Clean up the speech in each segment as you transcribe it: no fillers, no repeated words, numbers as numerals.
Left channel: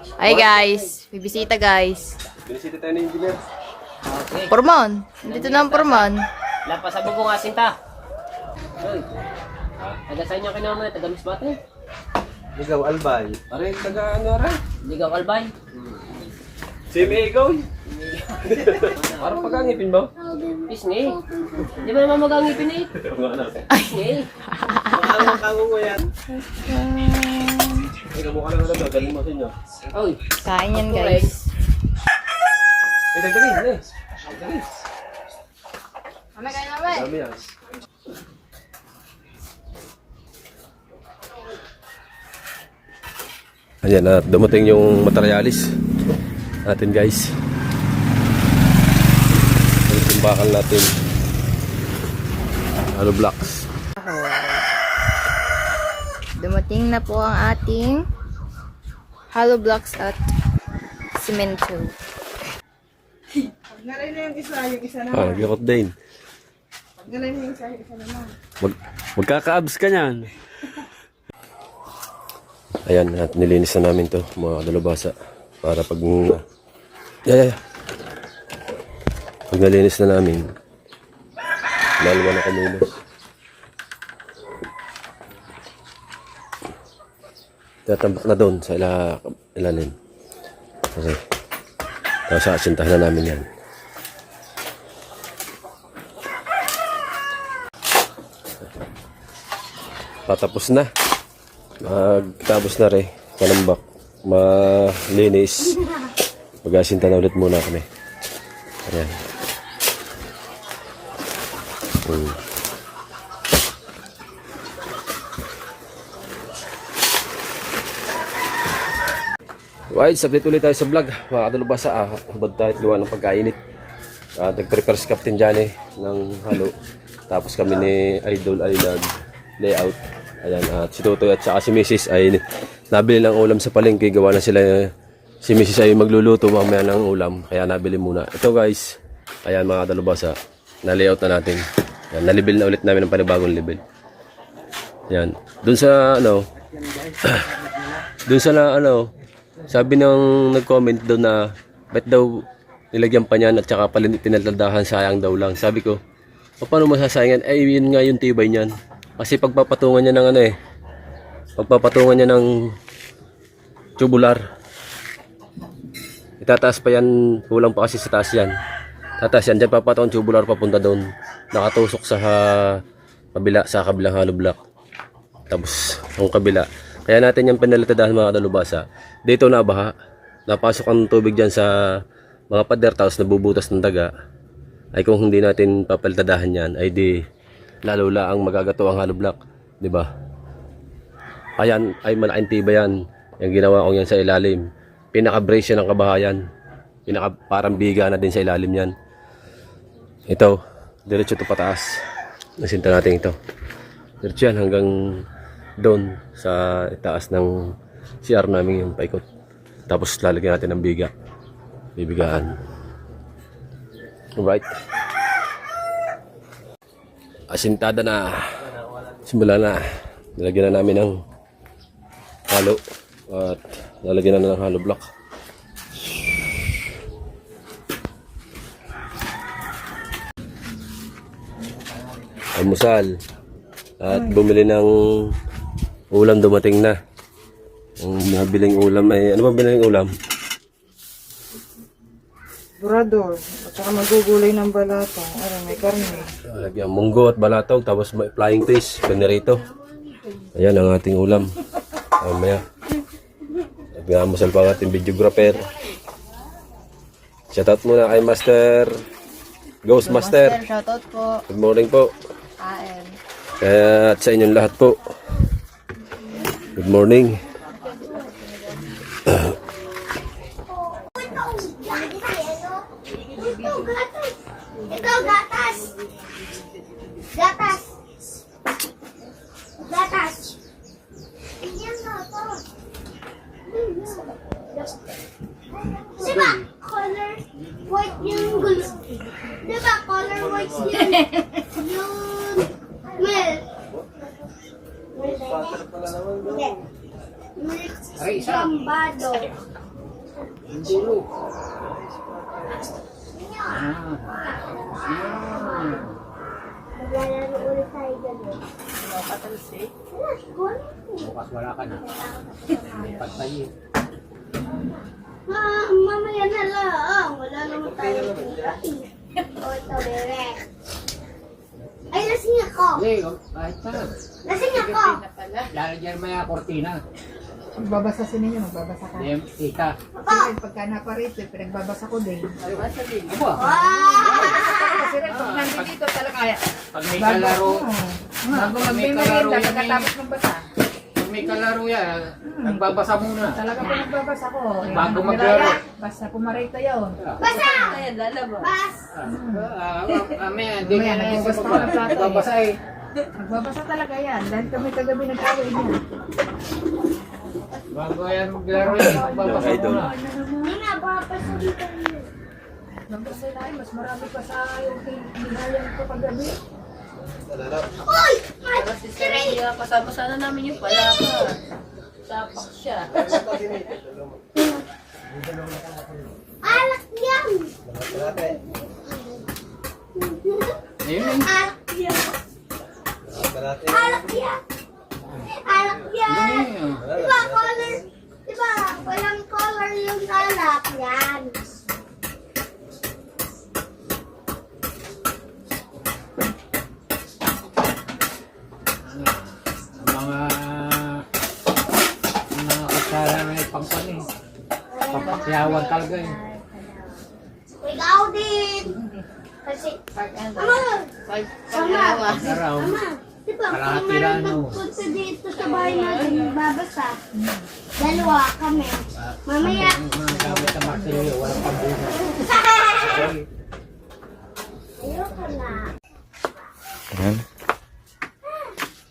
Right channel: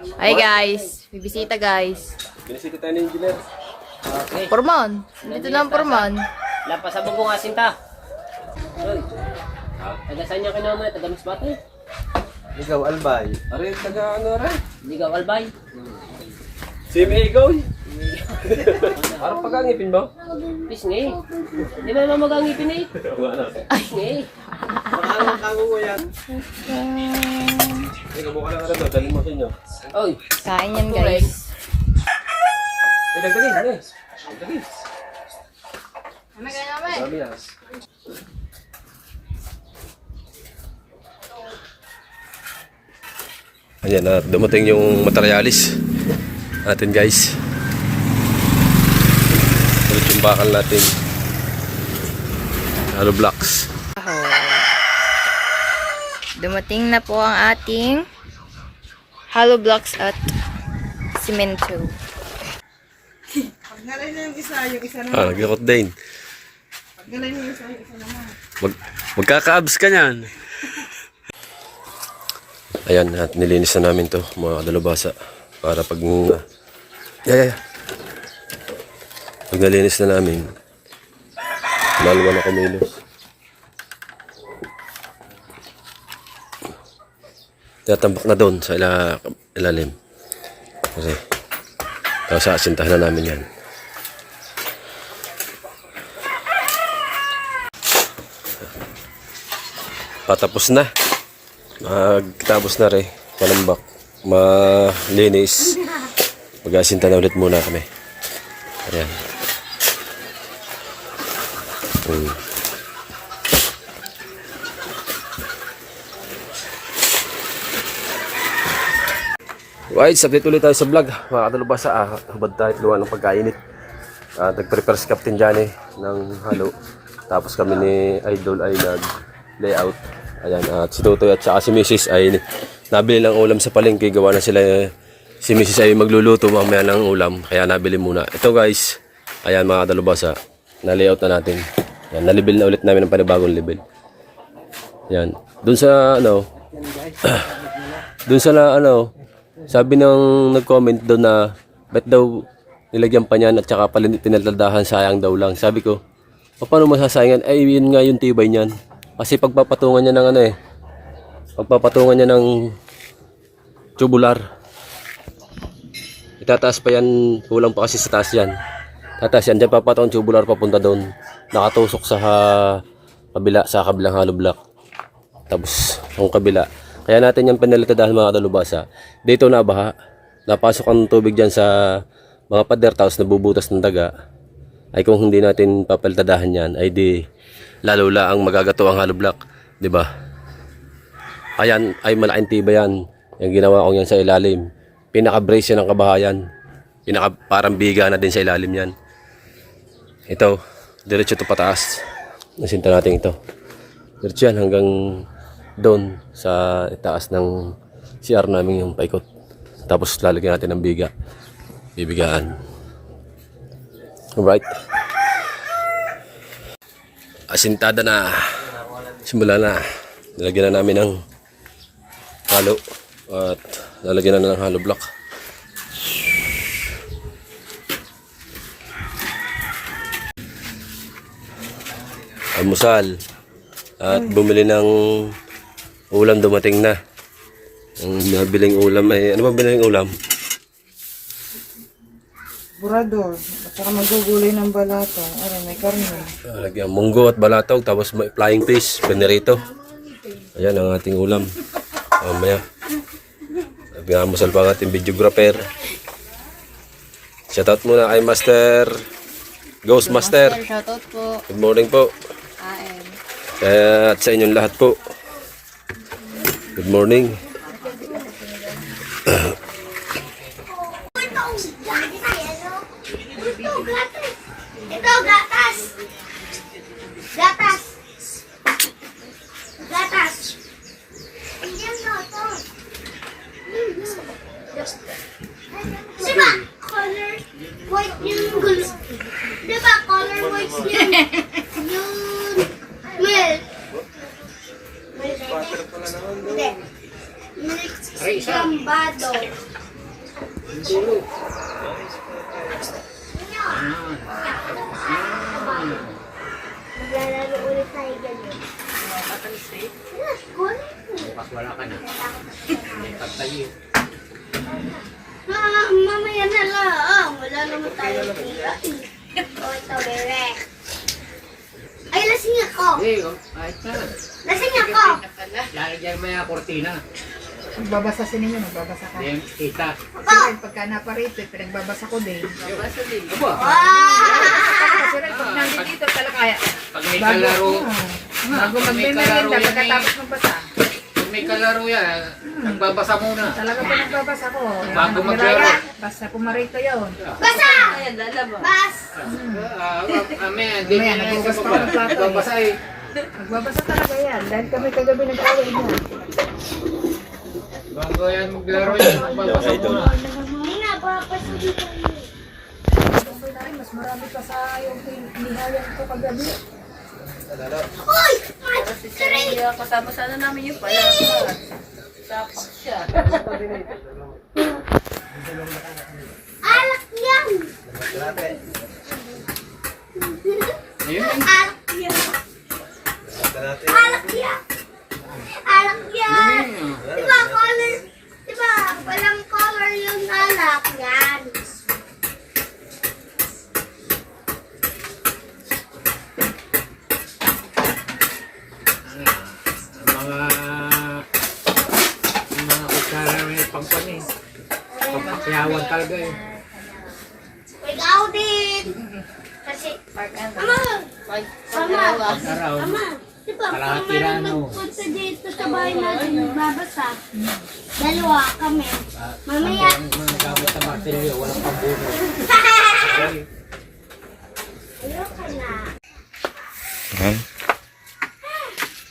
Hi guys, bibisita guys. Binisita tayo ng engineer. Okay. Porman, dito na ang porman. Lampas sa bubong asin ta. Hoy. Taga saan niya kinama na? Taga Misbate? Ikaw, Albay. Aray, taga ano aray? Ligaw Albay? Si Migaw. Parang pagangipin mo? Pisngi. Di ba naman magangipin eh? Pisngi. Parang kago ko yan. Ay, kamukha lang alam. Galing mo sinyo. Oy. Kain yan guys. Ay, dagdagin. Dagdagin. Ano kain namin? Dami yan. Ayan at dumating yung materialis natin guys. Ulit yung bakal natin. Hollow blocks. Dumating na po ang ating hollow blocks at simento. Paggalay na yung isa naman. Nag-record din. Paggalay na yung isa naman. Magkaka-abs ka niyan. Ayan, at nilinis na namin to mga dalubhasa para pag pag nalinis na namin lalawa na kumilos. Tatambak na doon sa ilalim. Okay. Tapos asintahan na namin yan. Patapos na. Magtapos na rin. Palambak. Malinis. Mag-asinta na ulit muna kami. Ayan. Right, update ulit tayo sa vlog. Mga kadalubhasa, habad tayo luwan ng pagkainit. Nag-prepare si Captain Johnny ng halo. Tapos kami ni Idol ay nag-layout. Ayan, at si Tutoy at saka si Mrs. ay nabili ng ulam sa palengke. Gawa na sila, si Mrs. ay magluluto mamaya ng ulam. Kaya nabili muna. Ito guys, ayan mga kadalubhasa, na-layout na natin. Ayan, nalibil na ulit namin ng panibagong level. Ayan, dun sa sabi ng nag-comment doon na ba't daw nilagyan pa niyan at saka pinaladahan, sayang daw lang. Sabi ko, paano masasayangan? Ay, yun nga yung tibay niyan. Kasi pagpapatungan niya ng pagpapatungan niya ng tubular. Itataas pa yan, kulang pa kasi sa taas yan. Tataas yan, dyan papatungan tubular papunta doon. Nakatusok sa kabila, sa kabilang hollow block. Tapos, ang kabila. Kaya natin yung pinalitadahan mga dalubhasa. Dito na baha. Napasok ang tubig dyan sa mga pader, tapos nabubutas ng daga. Ay kung hindi natin papalitadahan yan, ay di lalo ang magagato ang hollow block, 'di ba? Ayan ay malaking tibay yan. Yung ginawa ko yan sa ilalim. Pinaka-brace yan ng kabahayan. Parang biga na din sa ilalim yan. Ito, diretso to pataas. Nasinta natin ito. Diretso yan hanggang doon sa itaas ng CR namin yung paikot. Tapos lalagyan natin ng biga. Bibigaan. Alright. Asintada na. Simula na. Nalagyan na namin ng halo. At nalagyan na ng hollow block. Almusal. At bumili ng ulam, dumating na. Ang nabiling ulam ay, ano ba biling ulam? Burador. At saka magugulay ng balata. Ayan, may karne. Lagyan munggo at balatog, tapos may flying fish, panirito. Ayan ang ating ulam. Mamaya. Nagmamusal pa ang ating videographer. Shoutout muna kay Master Ghost Master. Shoutout po. Good morning po. AM. Kaya at sa inyong lahat po. Good morning. Ito, gatas. Gatas. Gatas. Ayan na ito. Diba, color white yung gulo. Diba, color white yung milk. Hindi. Milk gambado. Maglalaro ulit tayo ganun. Yes, kunin mo. Bukas wala ka na. Makeup tayo. Mamaya na lang. Wala naman tayo tira. O, ito, bebe. Ay, lasing ako. Kahit na. Lasing ako. Lalagyan mo yung kortina. Magbabasa sa ninyo, magbabasa ka. Then, kita. Kasi pagka naparito, pinagbabasa ko din. Aba, Wow! Kasi rin, pag nandito talaga kaya. pag may kalaro, Bago May mag-merienda, kalaro yan, pagkatapos magbasa. pag may kalaro yan, nagbabasa muna. Talaga pinagbabasa ko. Bago maglaro. Basta pumarito yun. Basa! Bas! Hindi Mamaya, na nagbukas sa pa baba. ng plato eh. Nagbabasa eh. Magbabasa talaga yan. Dahil kami kagabi nag-away mo. Bago yan maglaro yan, nagbabasa muna. Hindi na, papasunod tayo. Gusto na ay, mas marami pa sa yung nihayan ko kagabi. Uy! Kasama sana namin yung palaka. Sapak siya. Alak yan! Ayun. Alak yan! Alak yan! Alak yan! Diba color? Diba walang color yung alak yan? Ang mga kutsara may pangpanin. Pagpasiyawan talaga eh. Ikaw din! Kasi, Ama! Sama! Pag-araw. Ama! Diba kung Kalahati meron lang, no? nagpunta dito sa bahay natin babasa, dalawa kami. Mamaya, Ang mga gamit na martilyo, walang pambuno. ayoko na. Yan.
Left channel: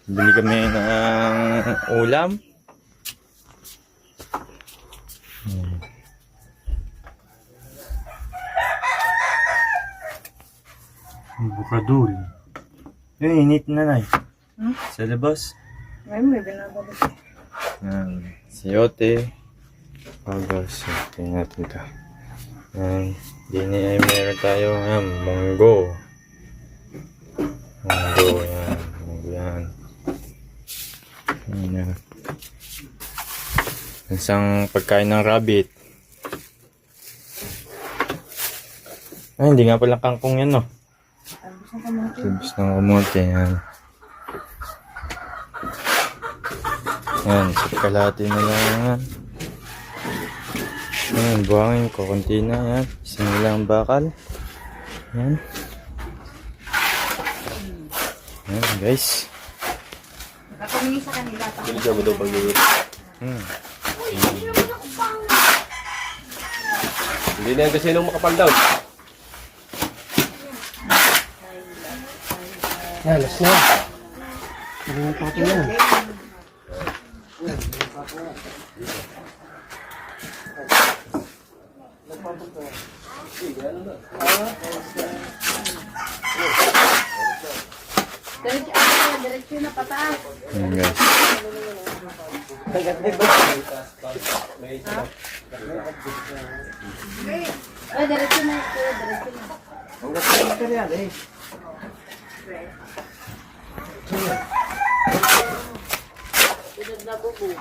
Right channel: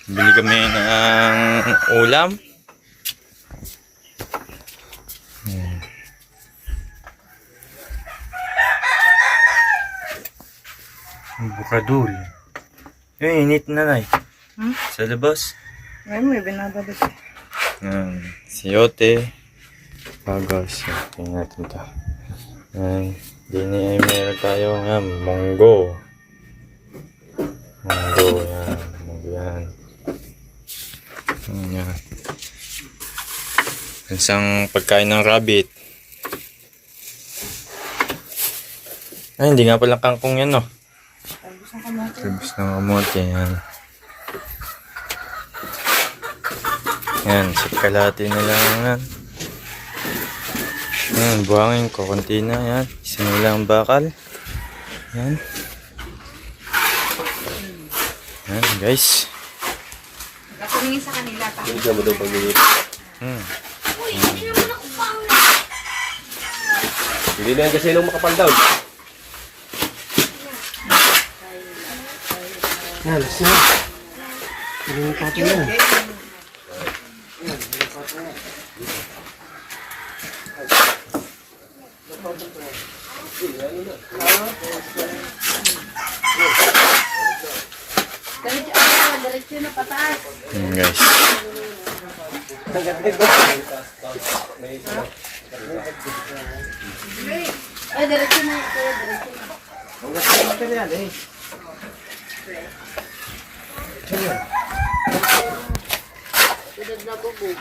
Bili kami ng ulam. Yan. Bukadul. Eh, init na na Sa labas. Ay, may binababas. Yan. Siyote. Pagas. Tingnan natin ito. Yan. Dini ay meron tayo. Yan. Munggo. Munggo. Yan. Munggo yan. Yan. Isang pagkain ng rabbit. Ay, hindi nga pala kangkong yan, no? Tubos ng kamote. Yan. Yan. Kalahati na lang. Yan. Yan. Buhangin ko. Kunti na. Yan. Isa na lang bakal. Yan. Yan, guys. Nakumingin sa kanila pa. Binigyan mo daw pag Uy, hindi naman ako pangit. Hindi na yan kasi nung makapal daw. Yan, guys. Ay, diretso na. Diretso na. Sunod na bubong.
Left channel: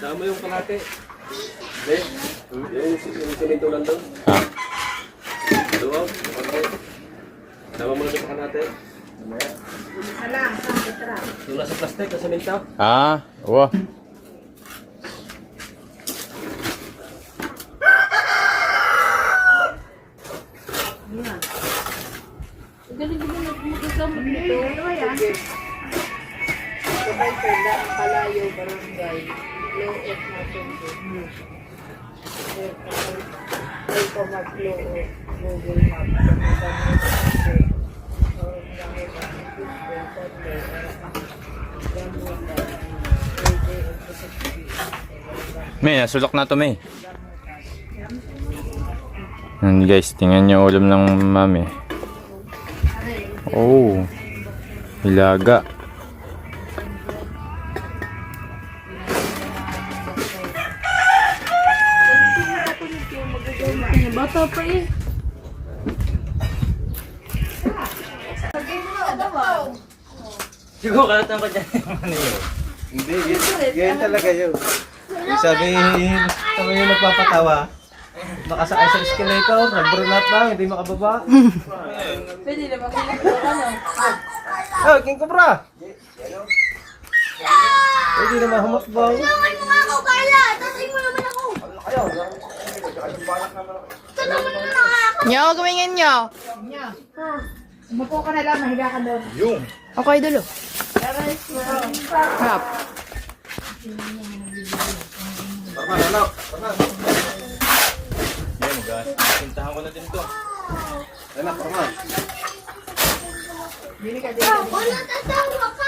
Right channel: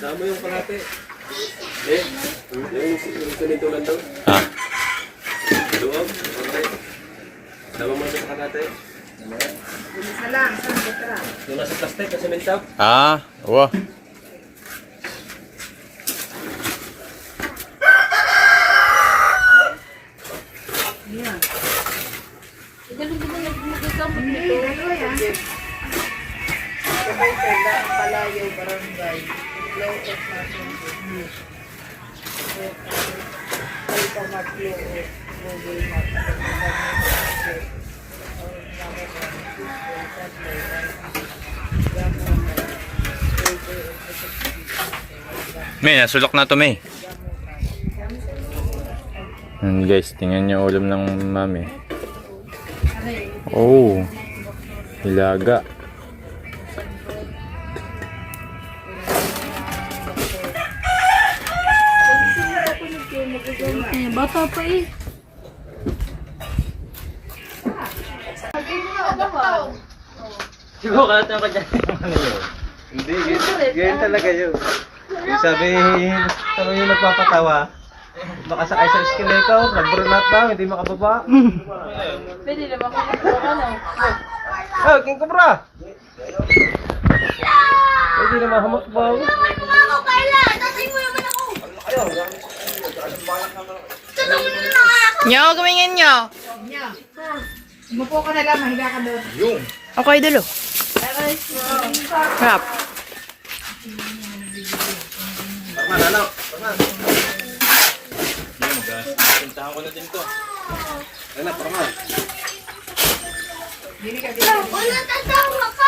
Sama yung kalate. Eh, yung simento lang daw. Ah. Luwag, kalate. Sama mo na sa kalate. Isa lang, isang litra. Yung nasa plastic, yung simento. Ah, wow. Galing magagamot nito. Sabay sa lang Palayo Barangay. Low of Matungo. Ito mag-low of Google Maps. May, nasulok na to, May. Yan guys, tingnan nyo ulam ng mami. Oh, hilaga. Bata pa eh. Siguro ka natin ako dyan. Hindi, ganyan talaga yun. Yung sabi, ito yung nagpapatawa. Nakasakay sa escalator, nabrunat daw, hindi makababa. Pwede naman kung ano. Oh, king kubra! Pwede naman hamakbaw. Ako kaya, tatay mo naman ako. Tanong mo na lang ako. Nyo, gawin nyo. Umupo ka na lang, mahiga ka doon. Yung. Okay, dulo. Harap. Pintahan ko na din to. Wala tatawa ka.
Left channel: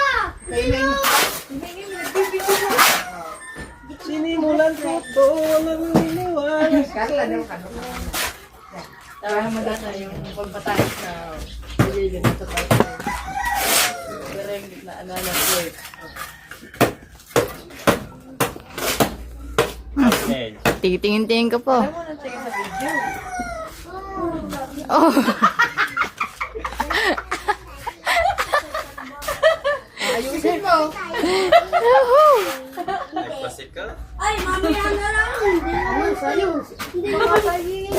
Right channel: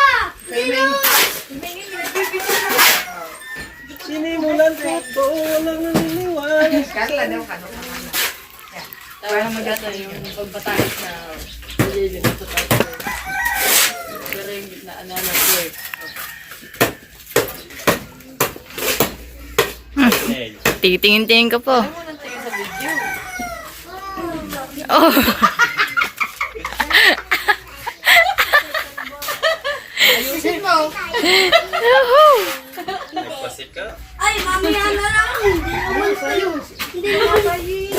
Sinimulan ko ito, walang naniniwala. Carla daw ka. Parang maganda yung pagbatais na pagiging ito tayo. Pero yung na ano na flirt. Titingin-tingin ka po. Ano nang tingin sa video? Oh. Ayusin mo. Ay, mamaya na lang. Hindi naman sa'yo. Hindi naman sa'yo.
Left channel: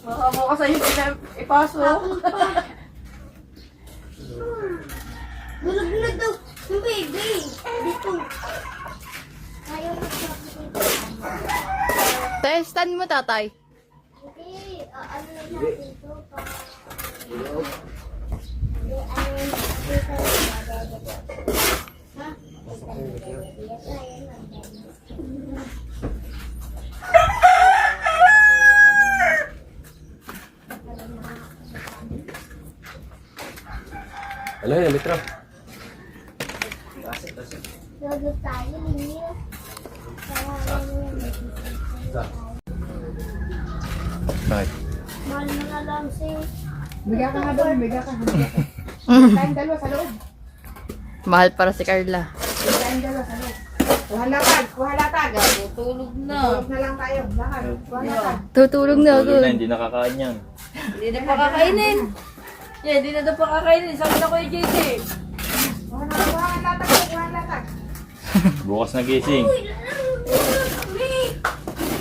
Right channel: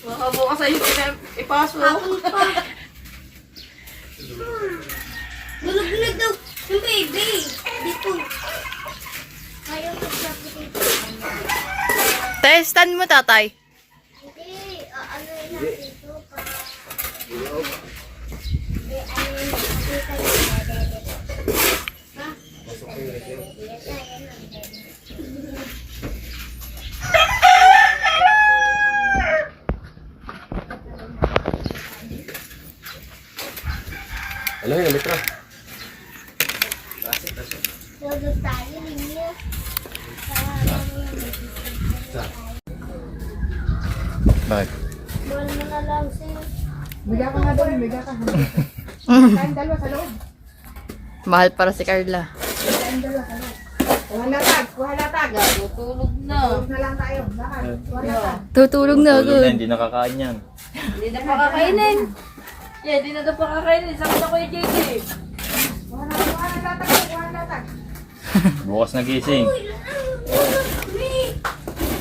Baka bukas sa'yo ipasok. Hapon pa. Dulog-dulag daw. Yung baby. Dito. Ayaw mo siya. Testan mo, tatay. Hindi. Ano yun natin ito pa. Hindi. Ano yun natin tayo. Ha? Ano yun, Mitra? Lolo tayo, linya. Bakit? Mahal mo na lang, Sing. Biga ka na doon, biga ka. Tayong dalawa sa loob. Mahal para si Carla. Tayong dalawa sa loob. Kuha latag, kuha latag. Tutulog na. Tulog na lang tayo, lahat. Kuha latag. Tutulog na agad. Hindi nakakain yan. Hindi na pa kakainin. Yeah, hindi na daw pa kakainin. Sabi na ko yung JJ. Kuha latag, kuha latag. Bukas nagising.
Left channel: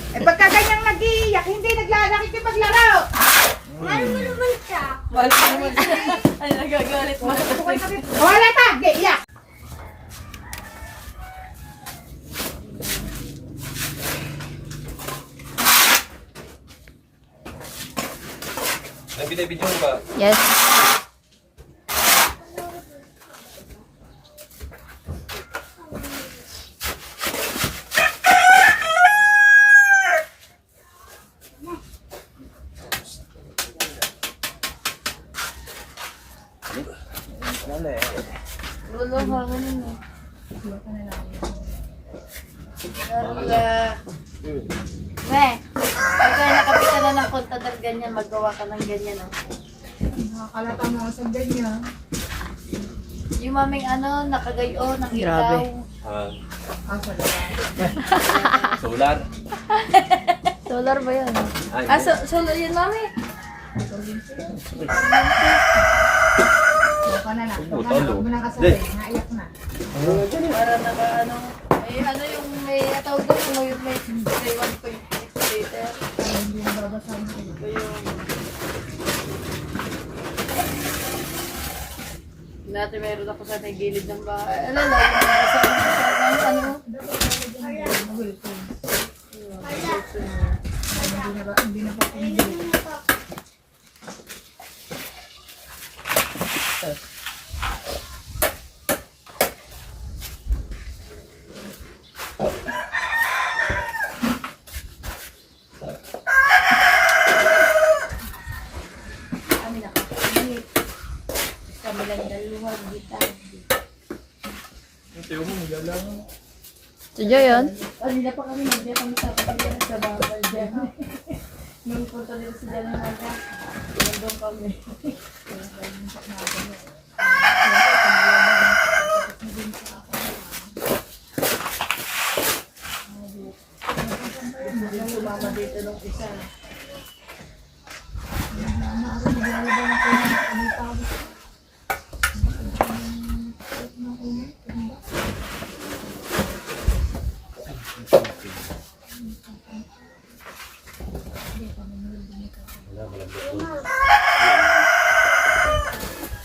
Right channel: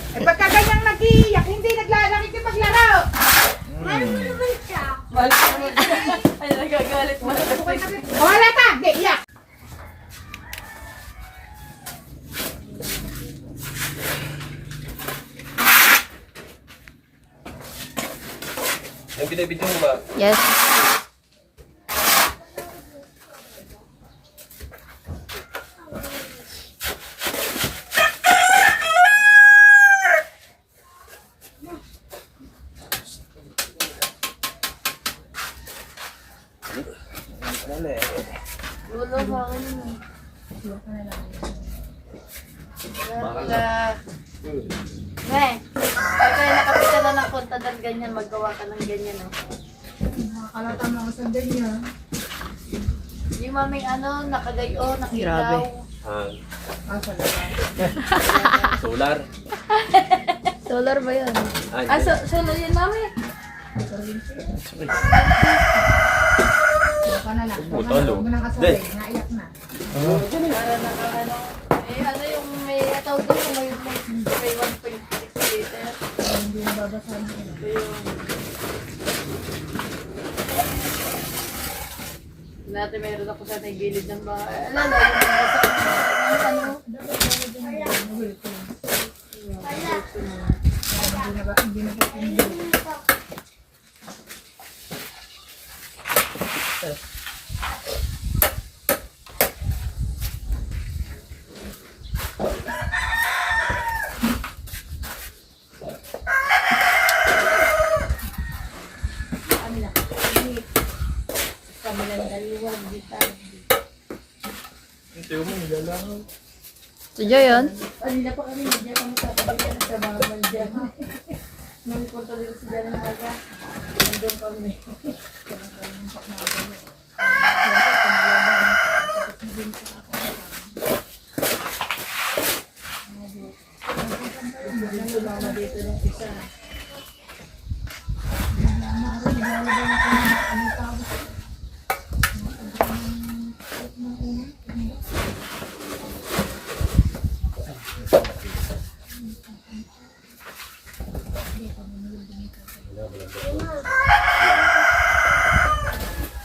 Eh pagka ganyang nag-iiyak, hindi nakikipaglaro. Mahal mo naman siya. Wala ko naman. Ay, nagagalit mo. Kuha latag, iyak. Ay, binibidyo mo ba? Yes. Pagka nakapit ka na ng punta ng ganyan, maggawa ka ng ganyan. Oh. Nakakalata mo ang sandal niya. Yung maming ano, nakagayo, ng Grabe. ilaw. Solar. Solar ba yan? Ah, so yun, mami? Kuha ka na lang. Huwag mo nang kasabay, naiyak na. Para naka ano. Eh, ano yung may tawag mo yung may 1.6 liter. Hindi na babasahin ko. Dati meron ako sa may gilid ng bahay. Ano, ano? Si Joy yun? Kanina pa kami, hindi kami sa bawal dyan. Nung punta nila si Jan ng aga, nandun kami. Sumama dito nung isa.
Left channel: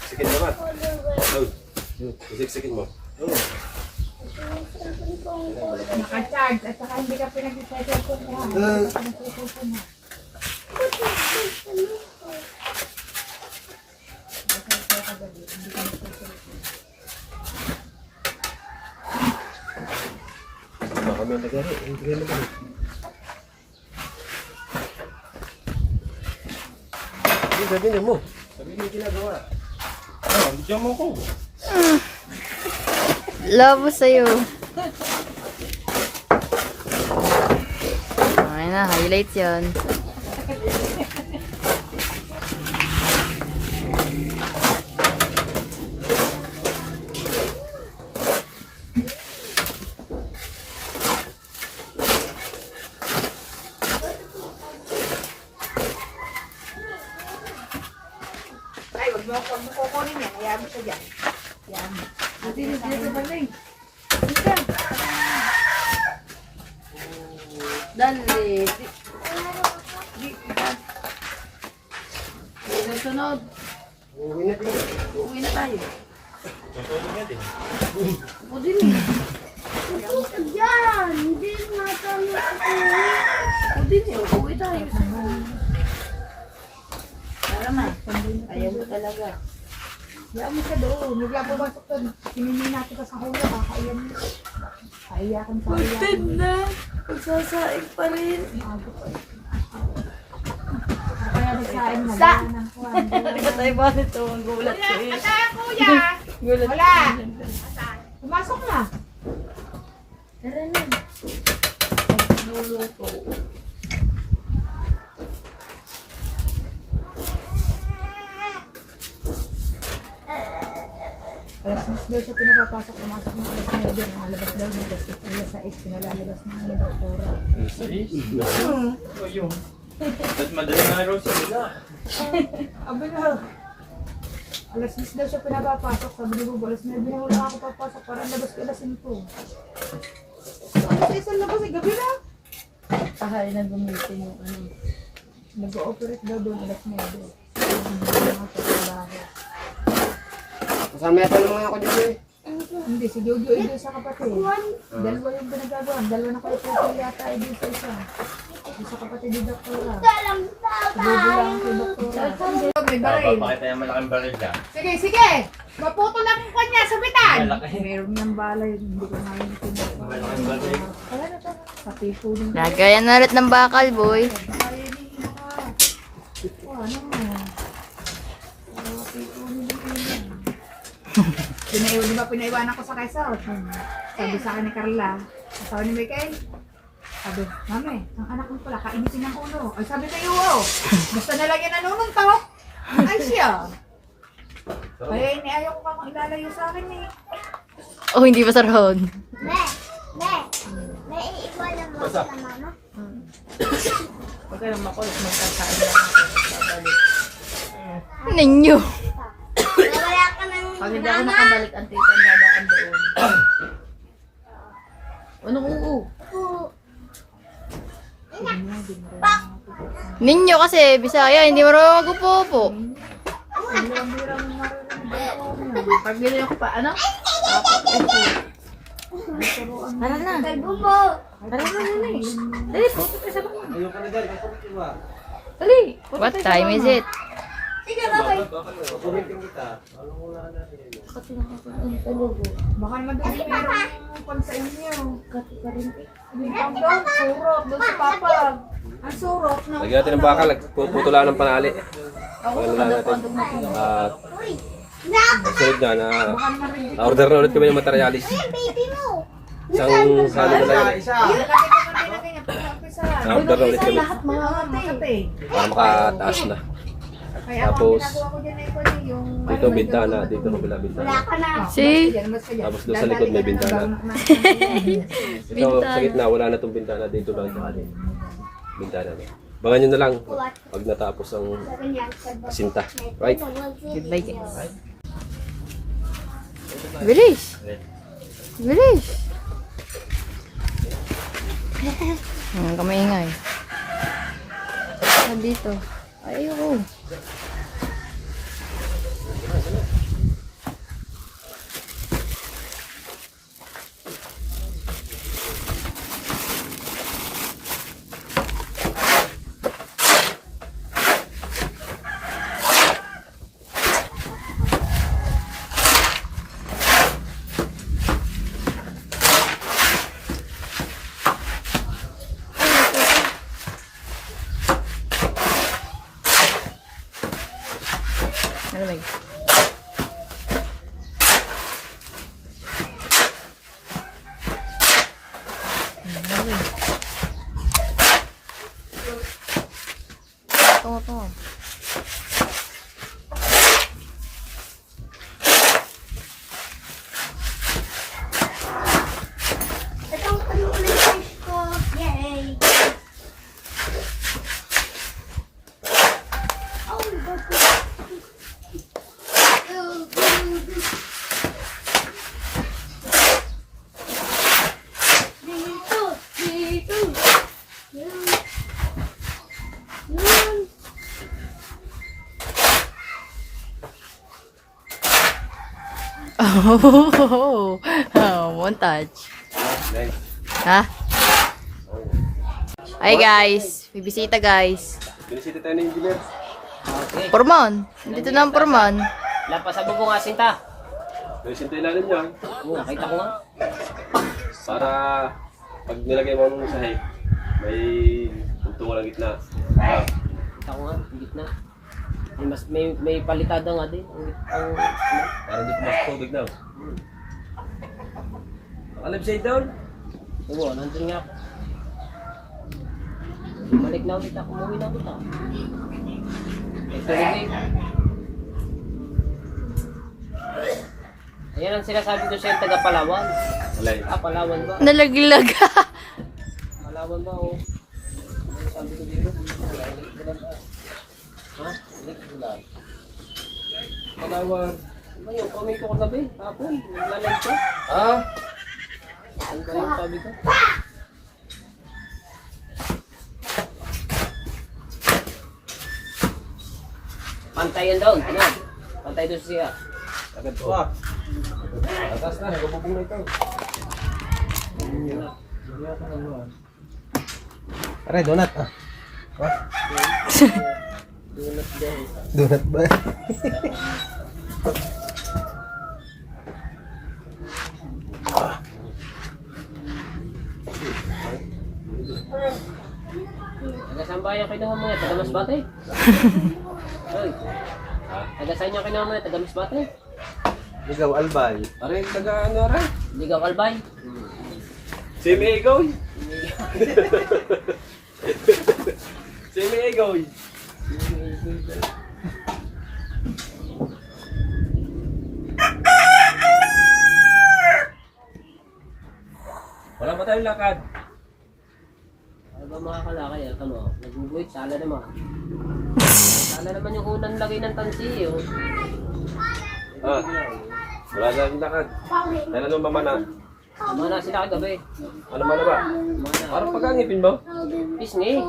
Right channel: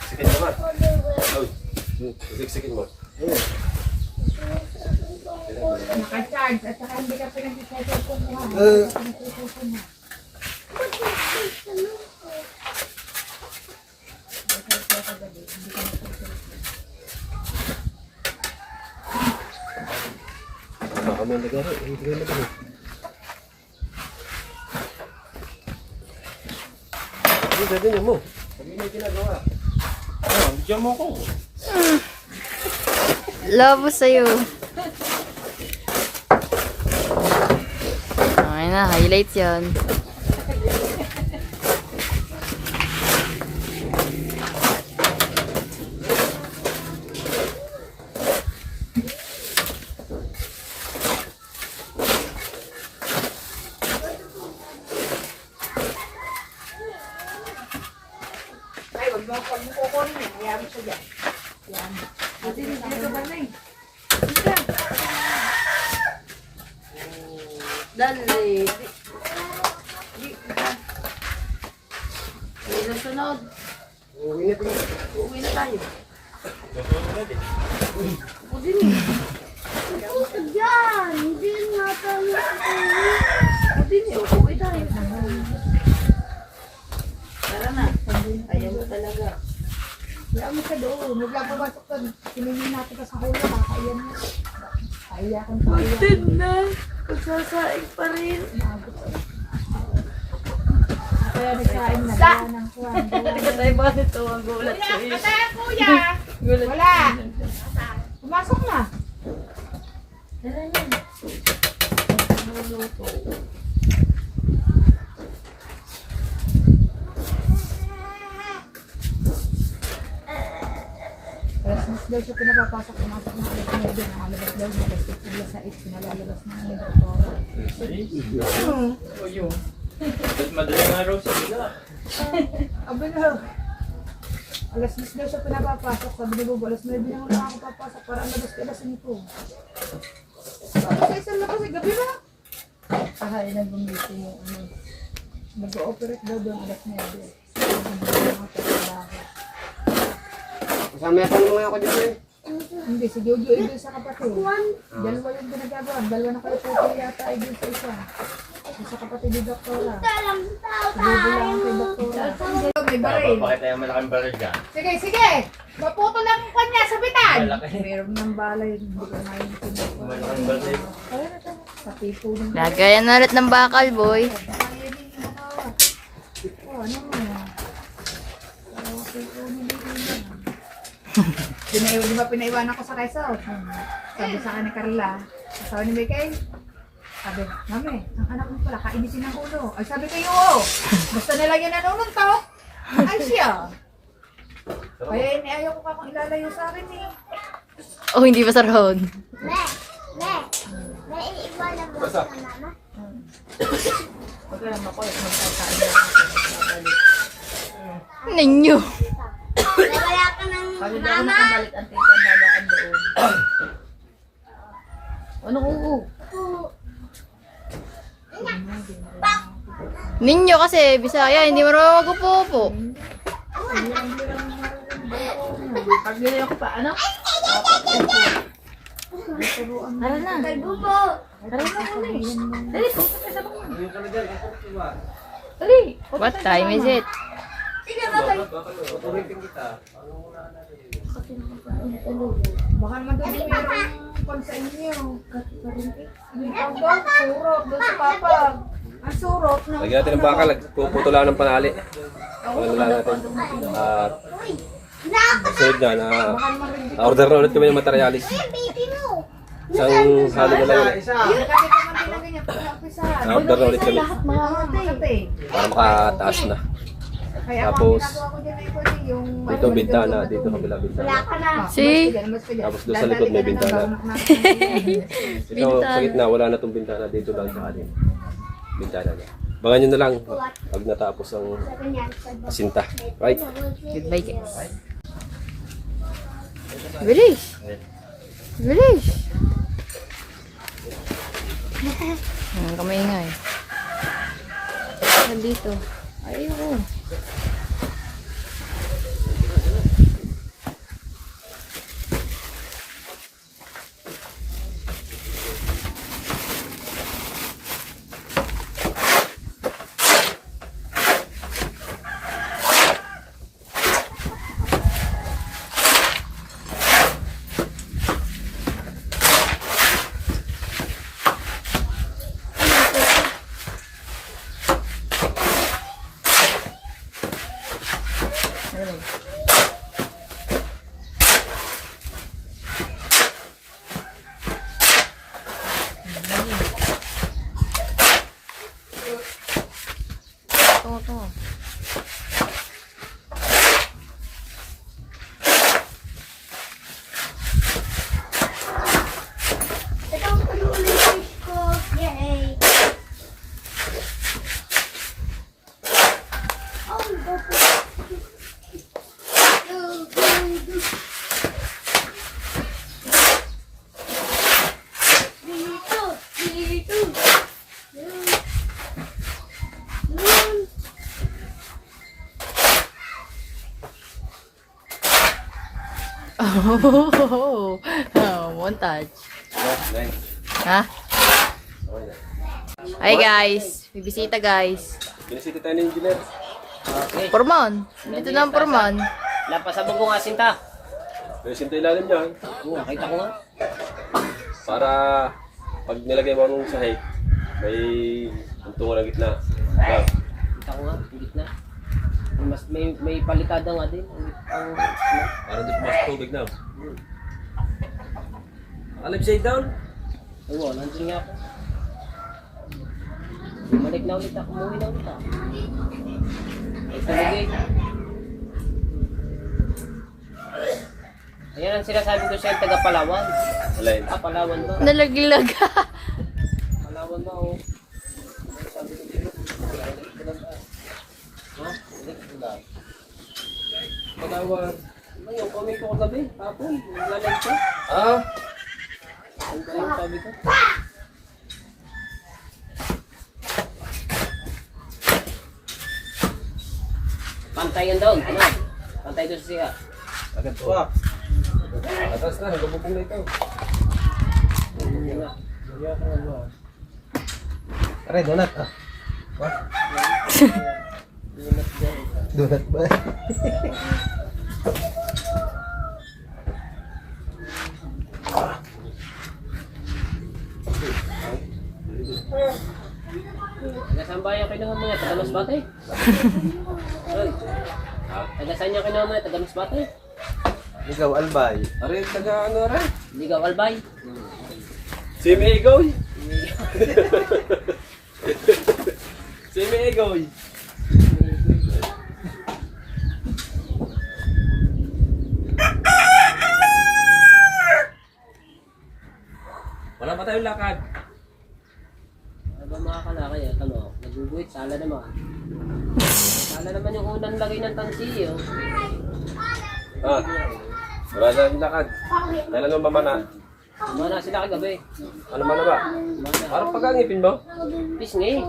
Sikin naman. Sikin mo. Naka-charge at saka hindi ka pinag-recycle ko mo. Kami nagari. Hindi nagari. Hindi, sabihin mo. Sabihin mo yung ginagawa. Bigyan mo ko. Labo sa'yo. Ay na, highlights yan. Ay, wag mo kukunin yan. Hayaan mo siya dyan. Yan. Dito ba na eh? Dali. Di na sunod. Uwi na tayo. O din. Diyan! Hindi na tayo. O din. Uwi tayo. Tara na. Ayaw mo talaga. Hayaan mo siya doon. Huwag lang pumasok doon. Sininin natin ka sa hula. Baka yan. Kaya akong kaya. Din na. Pagsasaing pa rin. Kaya nagsain na. Wala ng kuwan. Tayo ba nito? Ang gulat ko eh. Kuya! Gulat Wala! Pumasok na. Luluto. Alas mas daw siya pinapapasok. Pumasok na alas na doon. Ang alabas daw niya. Alas sa 8. Pinalalabas na ng doktora. O yun. Ba't madaling araw sila? Abi na. Alas 10 daw siya pinapapasok. Sabi ni Bobo, alas 9 na wala ako papasok. Parang labas ka alas 5. Alas 6 labas eh. Gabi na. Ahay na gumitin yung ano. Nag-ooperate daw doon alas 9. Kasama yata naman ako dito eh. Hindi, si Jojo ay doon sa kapatid. Dalawa yung pinagagawa. Dalawa na kayo po yata ay doon sa isa. Doon sa kapatid ni Doktora. Dalang Si Jojo lang kay Doktora. May baril. Pakita yung malaking baril ka. Sige, sige! Maputo lang ang kanya sa bitan! Meron ng balay. Hindi ko ngayon pinuto. Malaking baril. Kaya na to. Sa pipo ng Lagayan na ulit ng bakal, boy. Ayaw niya ito. Ano mo? Di ba pinaiwanan ko sa Quezon? Sabi sa akin ni Carla, asawa ni Michael, sabi, Mami, ang anak mo pala, kainitin ng ulo. Ay sabi kayo, oo. Basta na lang yan nanununtok. Ay siya. Eh, ayaw ko kang ilalayo sa akin eh. Oh, hindi pa sarahon. May iiwanan mo sa mama? Huwag ka naman makulit. Magkasain na ako. Babalik. Ninyo. Wala ka ng Pag hindi ako nakabalik, ang tita nadaan doon. Ano oo? Ninyo kasi, Bisaya, hindi marunong mag-upo-upo. Pag ganyan ko pa, ano? Tara na. Kalbubo! Tara na, dali. Dali, pupunta ka sa baba. Ayun ka na dyan. Ayun ka Dali. What time is it? Sige, babay! Pupuntin kita. Baka naman din meron pang sa inyo. Hindi ko daw, surok, doon sa papa. Ang surok na. Lagyan natin ng bakal. Puputo lang ng panali. Wala lang natin. At Sunod na order na ulit kami ng materialis. Baby mo. Isang halo na lang yun. Isa. Na-order na ulit kami Lahat mga kate. para makataas na. Kaya Tapos, ang ginagawa ko dyan ay pwede yung... Dito bintana, dito kabila bintana. Wala ka na. See? Tapos doon sa likod may bintana. Ito Bintana. sa gitna, wala na itong bintana. Dito lang sa kanin. Bintana na. Bangan nyo na lang pag natapos ang Ganyan. sinta. Right? Goodbye guys. Bilis. Bilis. Kamaingay. Dito. Ayun. Ito. Itong fish ko. Yay. Montage. Ha? Hi guys. May bisita guys. Binisita tayo ng engineer. Okay. Porman. Dito na ang porman. Lampas sa bubong asin ta. Binisita ilalim niya. Oo, nakita ko nga. Para pag nilagay mo ng sahig, may tuntungan ng gitna. Nakita ko nga, higit na. May palitada nga din. Para di pumasok tubig na. Upside down? Oo, nandun nga ako. Bumalik na ulit ako, umuwi na ulit ako. Ay, tuloy. Ayan ang sinasabi ko sa'yo, taga Palawan. Alay. Palawan ba? Nalaglag. Palawan ba o? Sabi ko dito. Ha? Hindi ko wala. Palawan. Ano yung comment ko kagabi? Hapon? Naglalay ko? Ah? Ano ba yung sabi ko? Pantayan daw, ano? Pantay doon siya. Agad po. Atas na, nagabubong na ito. Aray, donut. Donut ba? Taga-sambayan kayo naman mga taga-Masbate. Hoy. Taga-saan yung kinuha mo na taga-Masbate? Ligaw, albay. Aray, taga ano aray? Ligaw Albay. Simi Egoy. Simi Egoy. Wala pa tayong lakad. Ano ba mga kalakay? Ito mo, naguguhit, sala naman. Sala naman yung unang lagay ng tansi, oh. Ah, wala na tayong lakad. Dahil ano mamana? Mana sila kagabi. Ano mana ba? Mana. Parang pagkangipin ba? Pisngi.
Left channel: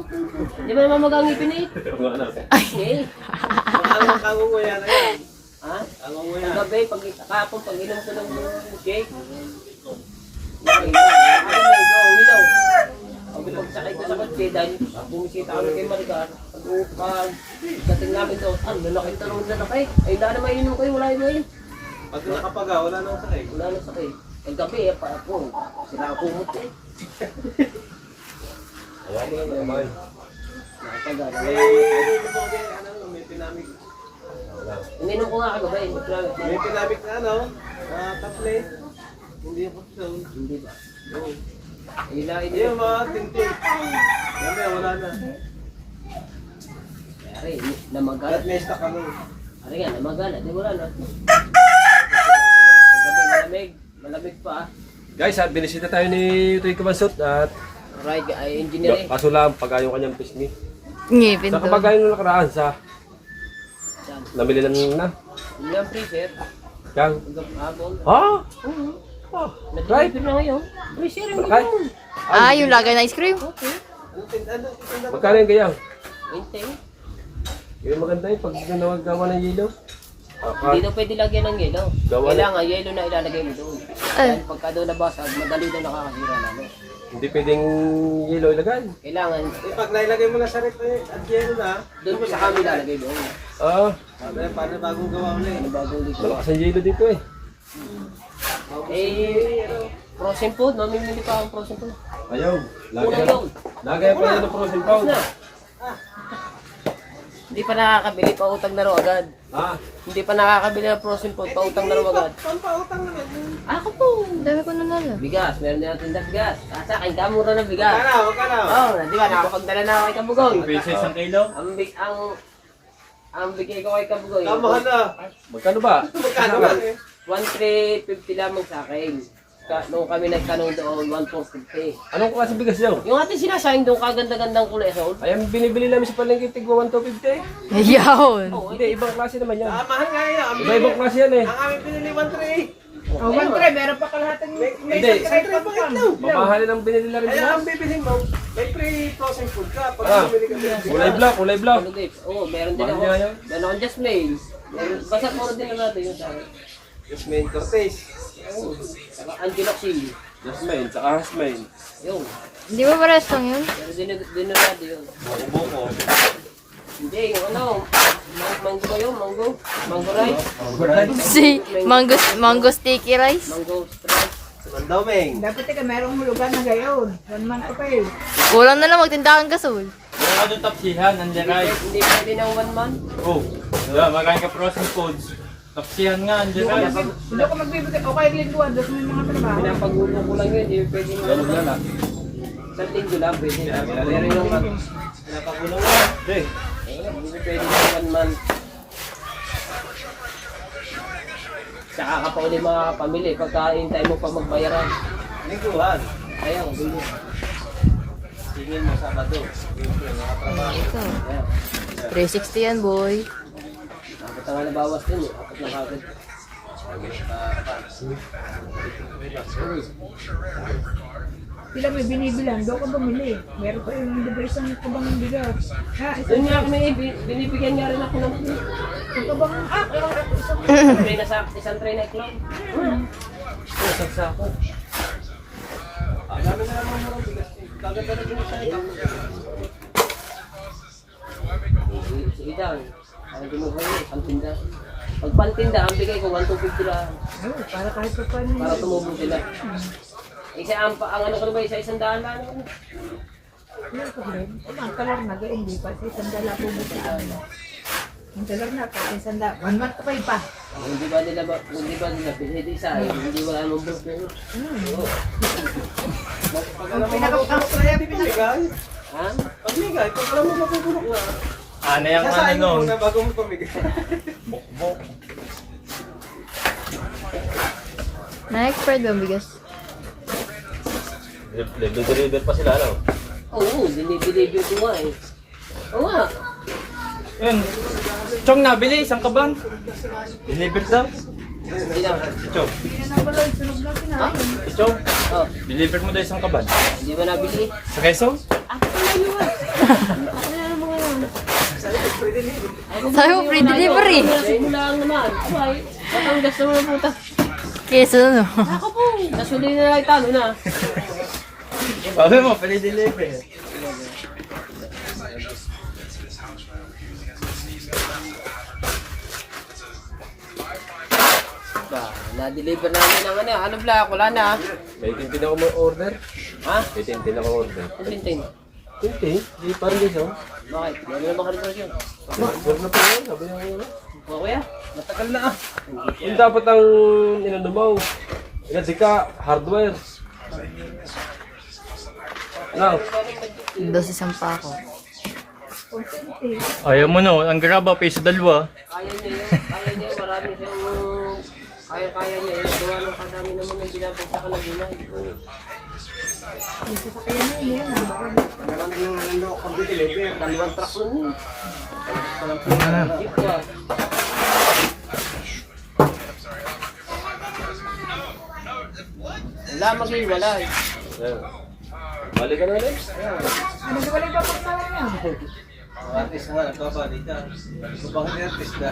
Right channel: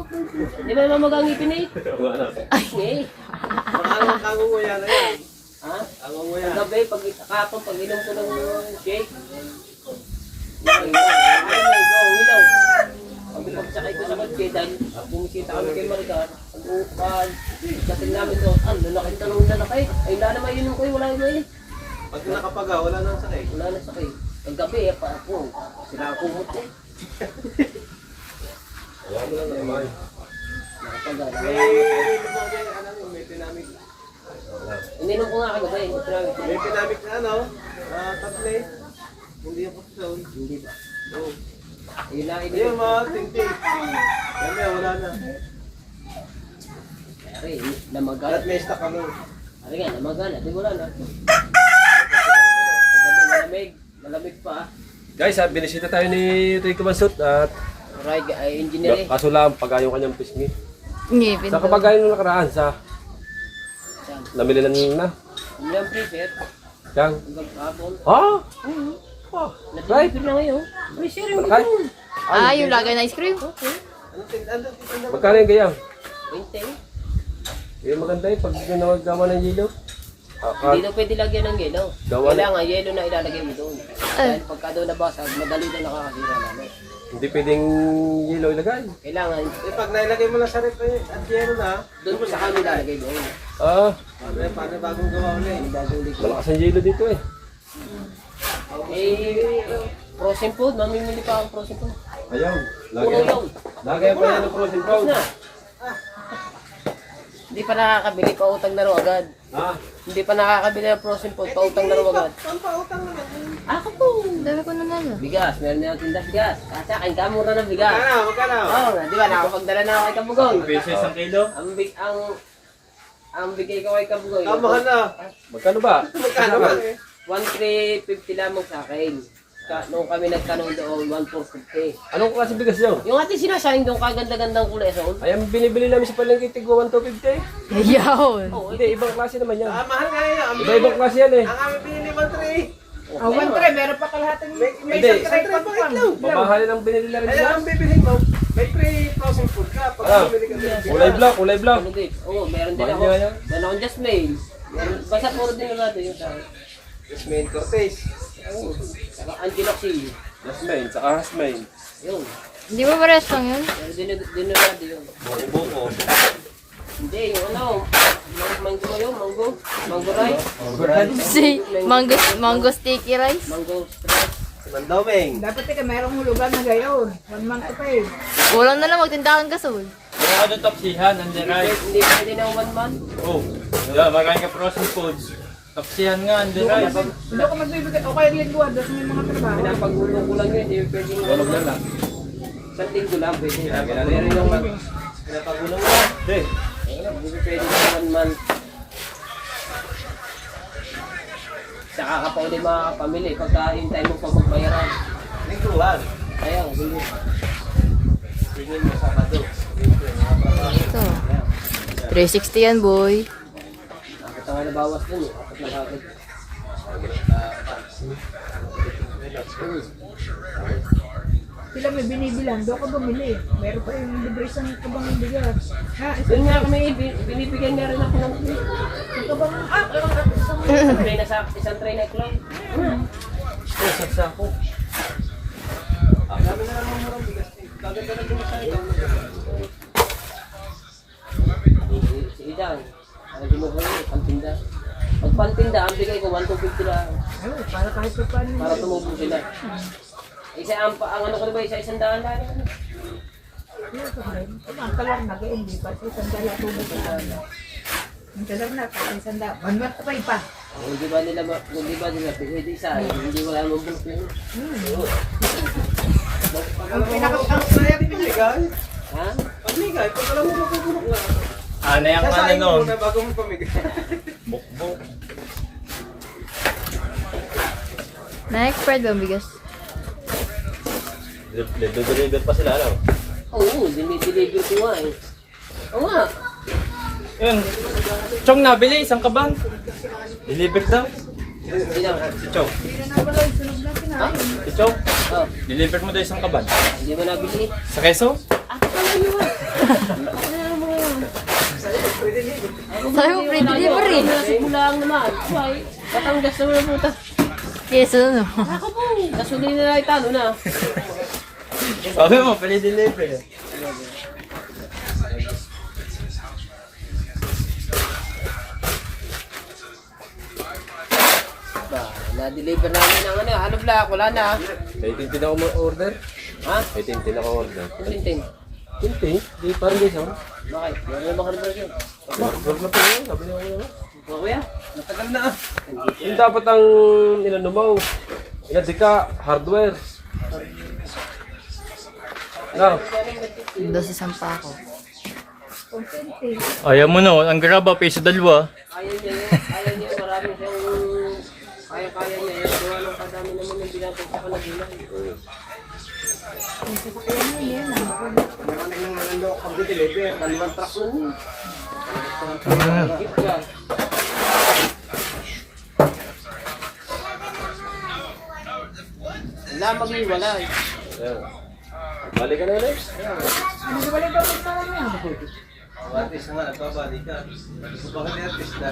Hindi ba naman mag-angipin eh? Ano? Pisngi. Ang kangunguya na yan. Ha? Kangunguya. Kagabi, kahapon, pag inom ko ng cake. Ay, ilaw. Pag pagsakay ko sa kotse, dahil bumisita kami kay Maricar, pag-dating namin doon, ano, lalaking talong lalaki. Ay, wala na mainom kayo, wala na eh. Pag nakapaga, wala nang sakay. Wala na sakay. Paggabi, sila ako kumot eh. Wala mo lang na kamay. Nakapagana. May pinamig. Ininom ko nga ako ba eh. May pinamit na ano, taple. Hindi ako doon. Hindi ba? Oo. Ilain Hindi yung mga tingting. Yan yan, wala na. Ari, namagal. At may stock ano. Ari nga, namagal. Di wala na. Paggabi malamig. Malamig pa. Guys, binisita tayo ni Rico Mansut at Alright, ay engineer eh. kaso lang pag yung kanyang pisngi. Ngipin Sa daw. kapag nung nakaraan sa Saan? namili lang na. Hindi ang freezer. Yang. Hanggang hapon. Ah! Right. Nag-deliver na ngayon. Freezer ang Right. gano'n. Ah, yung lagay na ice cream? Magkano yung gayang? 20. Yung maganda pag yung nawagawa ng yelo. Hindi na pwede lagyan ng yelo. Gawa- Kailangan yelo na ilalagay mo doon. Dahil pagka doon nabasag, madali na nakakasira namin. Hindi pwedeng yelo ilagay. Kailangan, Pag nailagay mo na sa rep at yero na, doon mo sa kami lalagay doon. Ah, paano bagong gawa ulit? Ano bago ulit? malakas ang yelo dito eh. Frozen food, mamimili pa akong frozen food. Ayaw. Kulang yung. Lagay pa yan ng frozen Tapos food. na. Hindi pa nakakabili, pautang na raw agad. Ah, Hindi pa nakakabili ng frozen food, pautang na raw agad. Ako po. Dala ko na nala. Bigas, meron na tinda bigas. Kasa, kain ka mura ng bigas. Magkano? Oo, di ba, nakapagdala na ako kay Kabugoy. Pesos ang kilo? Ang bigay ko kay Kabugoy. Kamahal na. magkano ba? Magkano ba? 1,350 lamang sa akin. Nung kami nagtanong doon, 1,450. Anong klase bigas yun? Yung ating sinasayin doon, kaganda-gandang kulay sol. Ay, ang binibili namin sa palengke, tigwa 1,250. Yun. Hindi, ibang klase naman yan. Mahal nga yun. Iba-ibang klase yan eh. Ang aming pinili 1,3. Oh, yung tray, meron pa kalahating may Hindi. isang tray pa pa. Mamahalin ang binili na rin Kaya bigas. ang bibili mo, may pre-frozen food ka. Pag Ah, bumili ka din. kulay black, kulay black. Ano din? Oo, meron din Mahal ako. niya yan. Meron akong Jasmine. Basta order na natin yung sa akin. Jasmine Cortez. Oo. Saka Angelo C. Jasmine, saka Hasmine. Yun. Hindi mo pares lang yun? Pero din na natin yun. Buko-buko. Hindi, yung ano. Mango ba yun? Mango? Mango rice? Si mango sticky rice. Mango rice. Mandoming. Dapat ka merong hulugan na gayon. 1 month pa yun. Kulang na lang magtindahan ka soy. Meron ka doon tapsihan, nandiyan ay. Hindi pwede ng 1 month. Oh, magaling ka frozen foods. Tapsihan nga, nandiyan ay. Hindi ako magbibigay. O kaya lingguan, doon may mga trabaho. Pinapagulong ko lang yun. Hindi pwede ng 1 month. Isang linggo lang pwede. Pero yung Pinapagulong na. Hindi. hindi pwede ng 1 month. Saka ka pa ulit makakapamili pagka hintay mo pa magbayaran. Lingguhan. Ayaw, bilhin mo. Tingin mo Sabado. Ito. 360 yan boy. Dapat nga nabawas dun eh. Dapat na kagad. Sila may binibilang. Doon ka bumili. Meron pa yung device ng kabang bigas. Ha, Doon nga kami, binibigyan niya rin ako ng isang kabang tray na sa isang tray na iklog. Sagsako. Dami na naman murang bigas. Kaganda na din sa ito. Si Idan, hindi mo kayo, pantinda. Pag pantinda, ang bigay ko 1,250 lang. para kahit pa paano. Para tumubo sila. Isa ang ano ko na ba, isa-100 lang. Yan ko rin. Ang kalar na gayon. Hindi pa. Sa isang dala po mo sa ang kalar na. Kasi isang dala. 1 month pa. Hindi ba nila pwede isa, hindi wala namang bulok na yun. Ang pinaka-ang Pamigay. Ha? Pamigay. Pag alam mo mapupulok na. Ano yung ano Sasain mo nun? muna bago mo pamigay. Bukbok. Na-expired ba ang bigas? Deliver pa sila lang. Oo, dinideliver ko nga eh. Oo nga. Yun. Chong nabili, isang kaban. Deliver daw. Hindi na. Chong. Hindi na wala yung sunog na kinain. Chong, Oh, deliver mo daw isang kaban. hindi ba nabili? Sa keso? Sabi mo free delivery. Simula naman. Abay, Batangas naman ang puta. Keso no. Ako po, gasolina na italo na. Sabi mo, pwede deliver. Ba, na-deliver namin ang ano black, wala na. May tintin ako order. Ha? May tintin ako order. Tintin. Tintin? Di parang guys oh. Bakit? Meron na bang hardware yun? Hardware na po yan, sabi niya ko naman. Mga kuya, matagal na ah. Yung dapat ang inano mo, inadika, hardware. Ano? Dos isang pa ako. Content Ayaw mo no, ang graba pa sa dalawa. Kaya niya yun. Kaya niya, marami siyang... Kaya niya yun. Gawa ng kadami naman yung ginapag sa kalagunan. Yung sasakyan na yun. Dalawang truck nun yun. Jeep ka. Wala mag-iwalay. Ayan. Balik ka na ulit. Ano ba balik ako sa inyo? Artist nga, nagbabalik ka. Bakit artist na?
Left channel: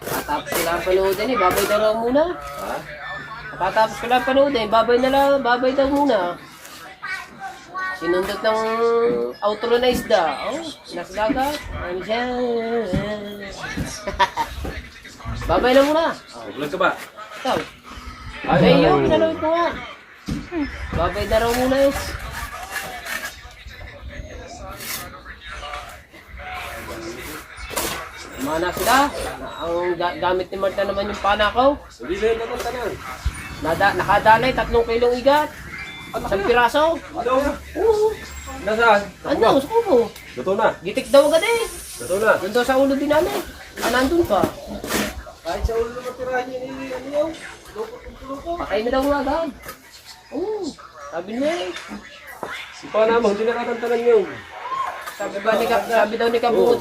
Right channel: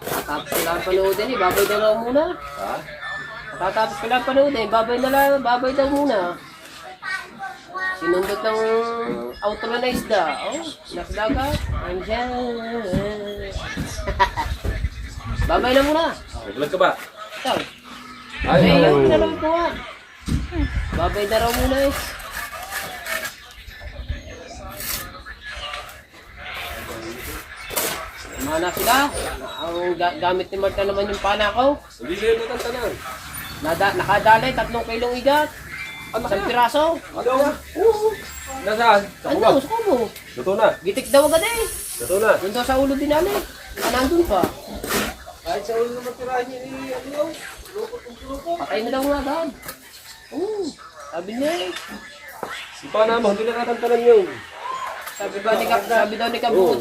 Tapos ko lang panoodin eh, babay daw lang muna. Ha? Tapos ko lang panoodin, babay daw muna. Sinundot ng outro na isda. Oh, nasdaga. Ano siya? Babay na muna. Vlog ka ba? Ikaw. Ay, yung pinanood ko nga. Babay na raw muna eh. Mana sila. Ang gamit ni Marta naman yung panakaw. Hindi sa'yo matanda na eh. Nakadalay, 3 kilong igat. Isang piraso. Ano? Oo. Nasaan? Ano, sa kubo. Luto na. Gitik daw agad eh. Luto na. Doon daw sa ulo din namin. Nandun pa. Kahit sa ulo naman tirahan niya ni ano yun. Patay na daw nga agad. Oo. Sabi niya eh. Si Pana mo, hindi nakakantanan yun. Sabi daw ni Kabungod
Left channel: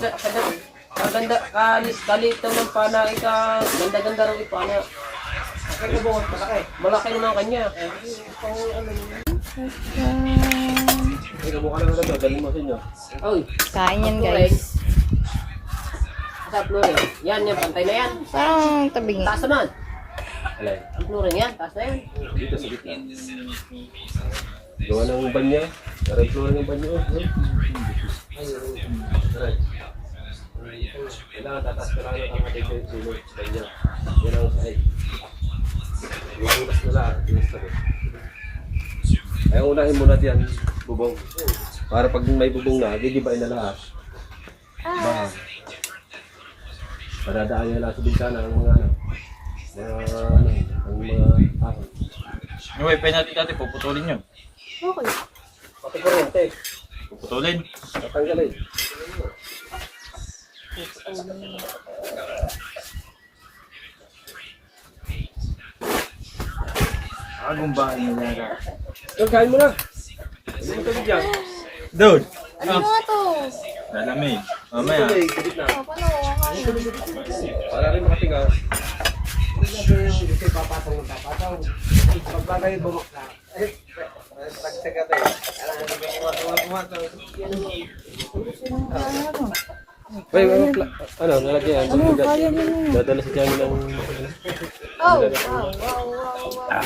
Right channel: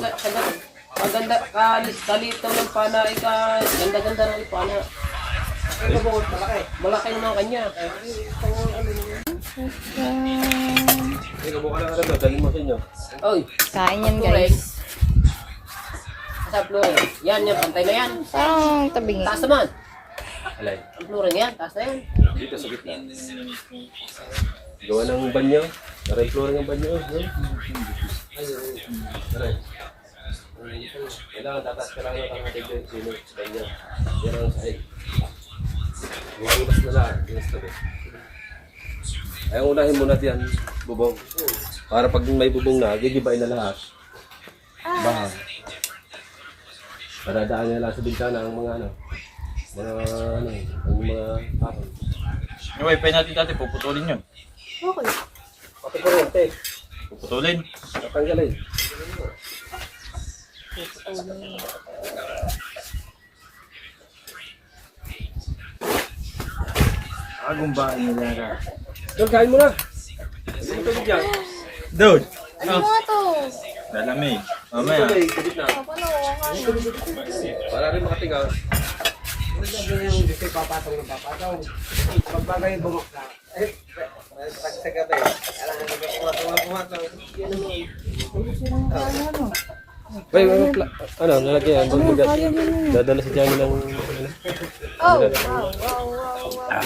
sa ganda, kalit daw ng pana, ganda-ganda raw ipana. Kaya Kabungod, malaki. Malaki naman kanya. Ay, kamukha lang ka na. Galing mo sa inyo. Oy, Kain yan guys. sa flooring. Yan, pantay na yan. Parang tabingi. Taas naman. Alay. Ang flooring yan, taas na yan. Dito sa gitna. Gawa ng banyo. Aray ko ng banyo. Aray. Kailangan tatas ka lang yung kapatid ko yung sino sa kanya. Yan ang sahig. Yung ulas na lahat. Inas na rin. Ay, unahin muna diyan, bubong. Para pag may bubong na, gigibain na lahat. Baka. Para daan nila sa bintana ang mga ang mga pakon. Yung wifi natin dati, puputulin yun. Okay. Pati kuryente, Puputulin. tatanggalin. Agong ba nila ka? Doon, kain mo na. Hindi mo tabi dyan. Dude! Ano nga to? Lalamig. Mamaya. Tuloy, sa gitna. Paano nga Para rin makatingaw. Wait, ano, lalagyan, magbigat. Dadala si Johnny ng... Oh, wow, wow, wow, wow.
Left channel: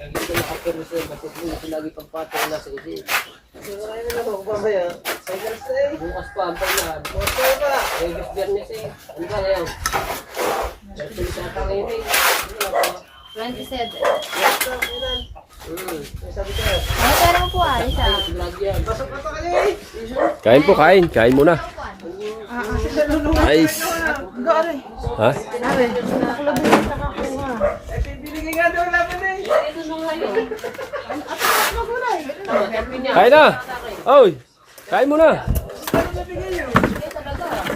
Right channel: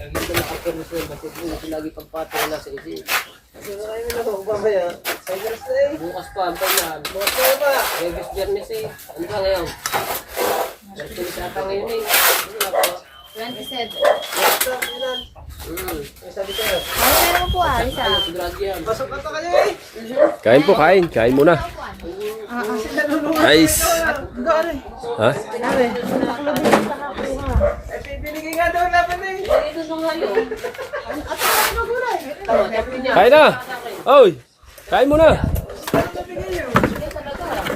Hindi ko nakaperusyon kasi hindi ko lagi pagpatong na sa isip. Bukas pa, ang pagyan. Regas Biyernes eh. Ano ka ngayon? Tulis ata ngayon eh. 27. Sabi ko na. Ano meron po Isa. Sigurado yan. Kain po, kain. Kain muna. Nice. Ha? Sabi, nakulabing sa nakakuha. Binigay nga daw laban eh. Ito nung ngayon. Kain na! Oy! Kain muna!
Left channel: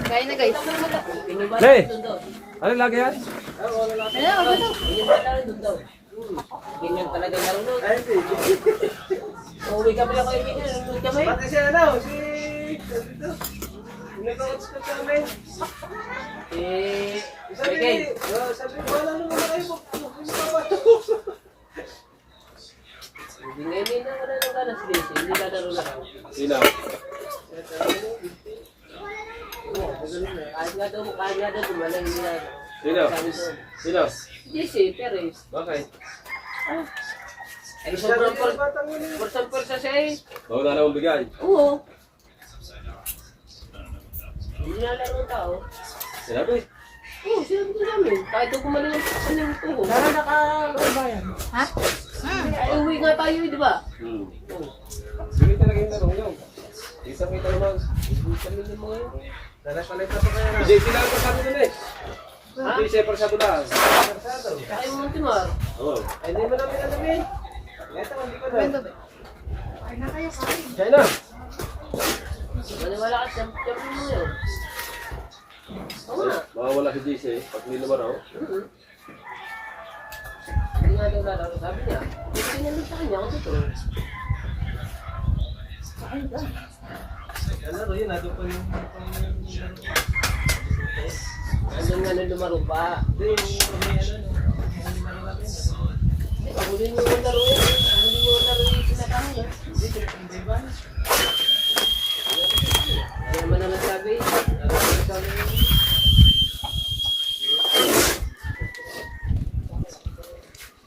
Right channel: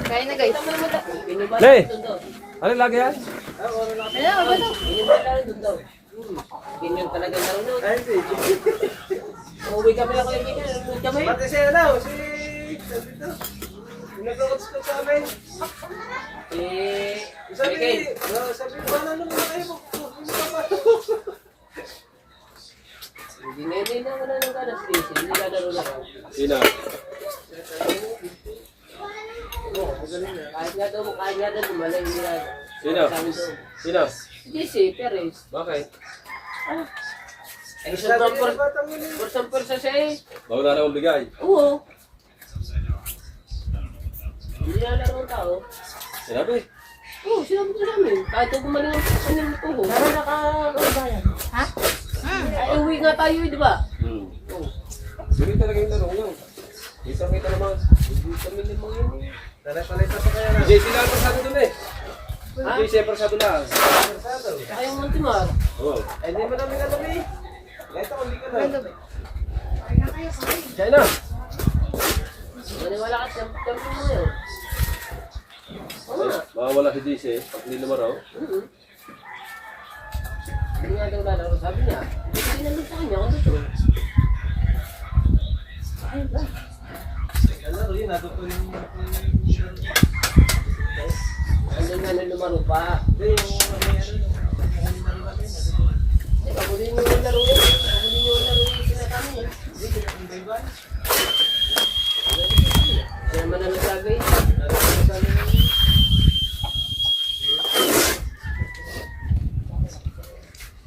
Kain na guys. Hey! Ano lagi yan? Ganyan talaga yung laro nun. Ay, hindi. Uwi kami ako kaibigan. Uwi kami. Pati siya na, si... Nag-outs ka sa amin. Eh, Sabi, Miguel. sabi, wala naman na kayo. Hindi pa pa. Hindi na wala nang ganas Daisy. Hindi na laro na raw. Sino? Kahit nga daw, gumalang hindi na. Sino? Sino? Daisy, Perez. Bakit? Ay, sobrang porsa siya eh. Bago na naman bigay. Oo. Hindi na laro ng tao. Sinabi? Oo, sinabi ko namin. Kahit ako gumaling ang kanyang tuho. Ha? Ay, uwi nga tayo, di ba? Sige talaga yung laro yun. Kita naman. Hindi kami ng mga yun. Palay-palay pa kaya na. Hindi sila ang pasado dun eh. Hindi siya pasado lang. Saka yung Montemar. Oo. Ay, hindi mo namin alam eh. Ito, hindi ko na. Ay na kayo, kain. China. Maniwala ka, champion mo yun. Oo nga. Mawawala si JC pag hindi naman raw. Hindi nga daw lalaro. Sabi niya, hindi namin sa kanya kung totoo. Laro yun, nato pa yung... Andun nga na lumaro pa. Hindi, yung may ano, yung laro natin. Ako din yung laro yun. Ako din yung laro yung sinatang niya. Hindi, yung bayban. Hindi naman na nagsabi. Laro ko sa amin yung...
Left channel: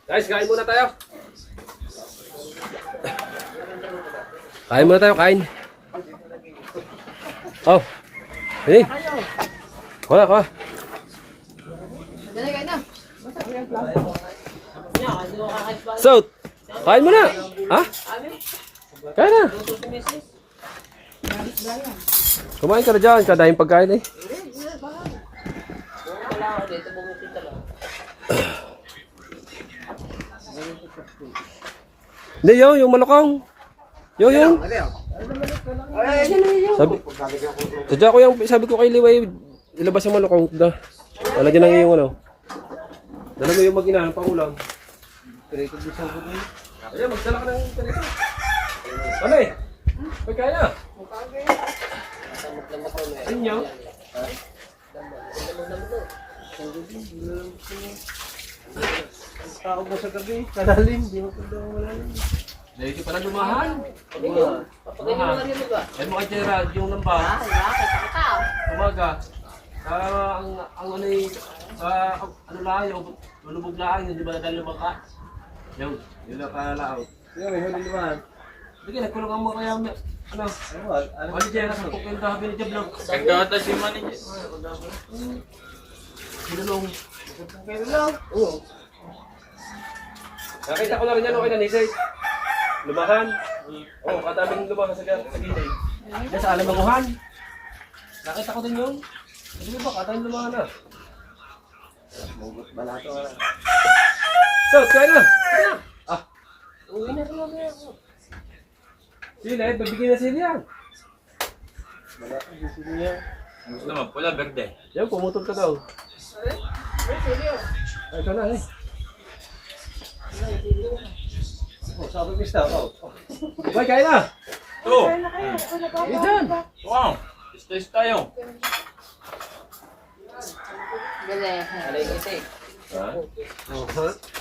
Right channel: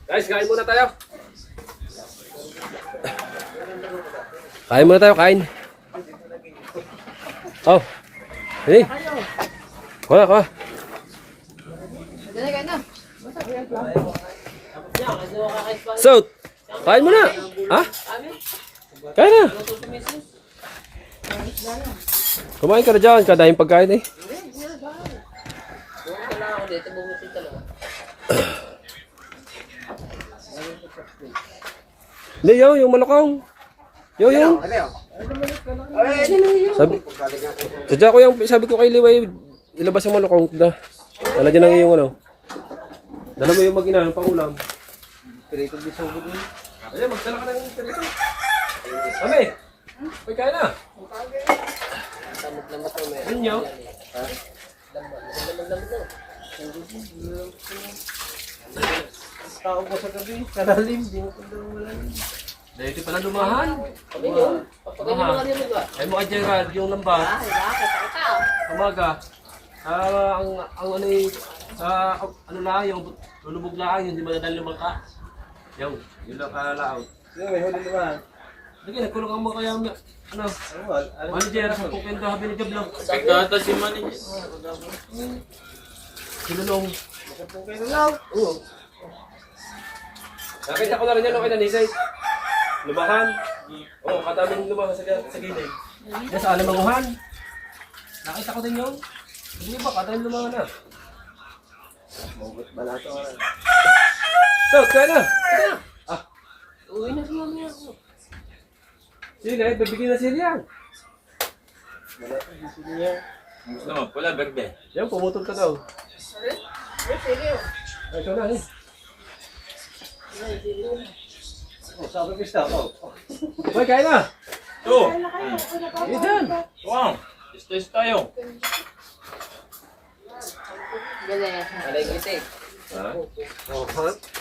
Guys, kain muna tayo. Kain muna tayo, kain. Oh. Hey. Kuha, kuha. Dali kayo na. Niya, kasi makakait pa. So, kain muna. Ha? Amin? Kain na. Luto si Mrs. Kumain ka na dyan. Kadahing pagkain eh. Wala ako dito, bumisit ka lang. Hindi, yung malakong. Yung. Sadya ko yung, sabi ko kay Liway, ilabas yung malakong. Wala dyan ang iyong ano. Dala mo yung mag-ina, yung pangulam. Pirito di sobod mo. Ayan, magdala ka ng pirito. Kami, pagkain na. Damot-damot mo yan. Ano nyo? Damot-damot mo. Tao mo sa gabi, kalalim, di mo kung daw malalim. Dahil pala lumahan. Pag ganyan, pag ganyan mga rin mo ba? Ay mo kay Gerard, yung lambat. Umaga. Ang ano eh, ano lang, yung lulubog lang, yung di ba nadal lumang ka? Yung lang kalaaw. Sige, may huli naman. Sige, nagkulong ang mga kaya niya. Ano? Ano? Manager, sa pagkenda, habi ni Gablog. Nagkata si manager. Sinulong. Oo. Nakita ko na rin yan, okay na nisay. Lumahan. Oo, katabing lumahan sa gilid. Yan sa alamanguhan. Nakita ko din yun. Hindi ba, katabing lumahan na. Balato ka. So, kaya na. Uwi na rin mamaya ako. Sila, bibigyan na sila yan. Balato, gusto niya. Gusto mo, pula, verde. Yan, pumutol ka daw. Ay, ito na eh. Oh, sabi ko siya, oh. Boy, kaya na. Ito! Yan dyan. Wow! Stress tayo. Alay kita eh. Ha?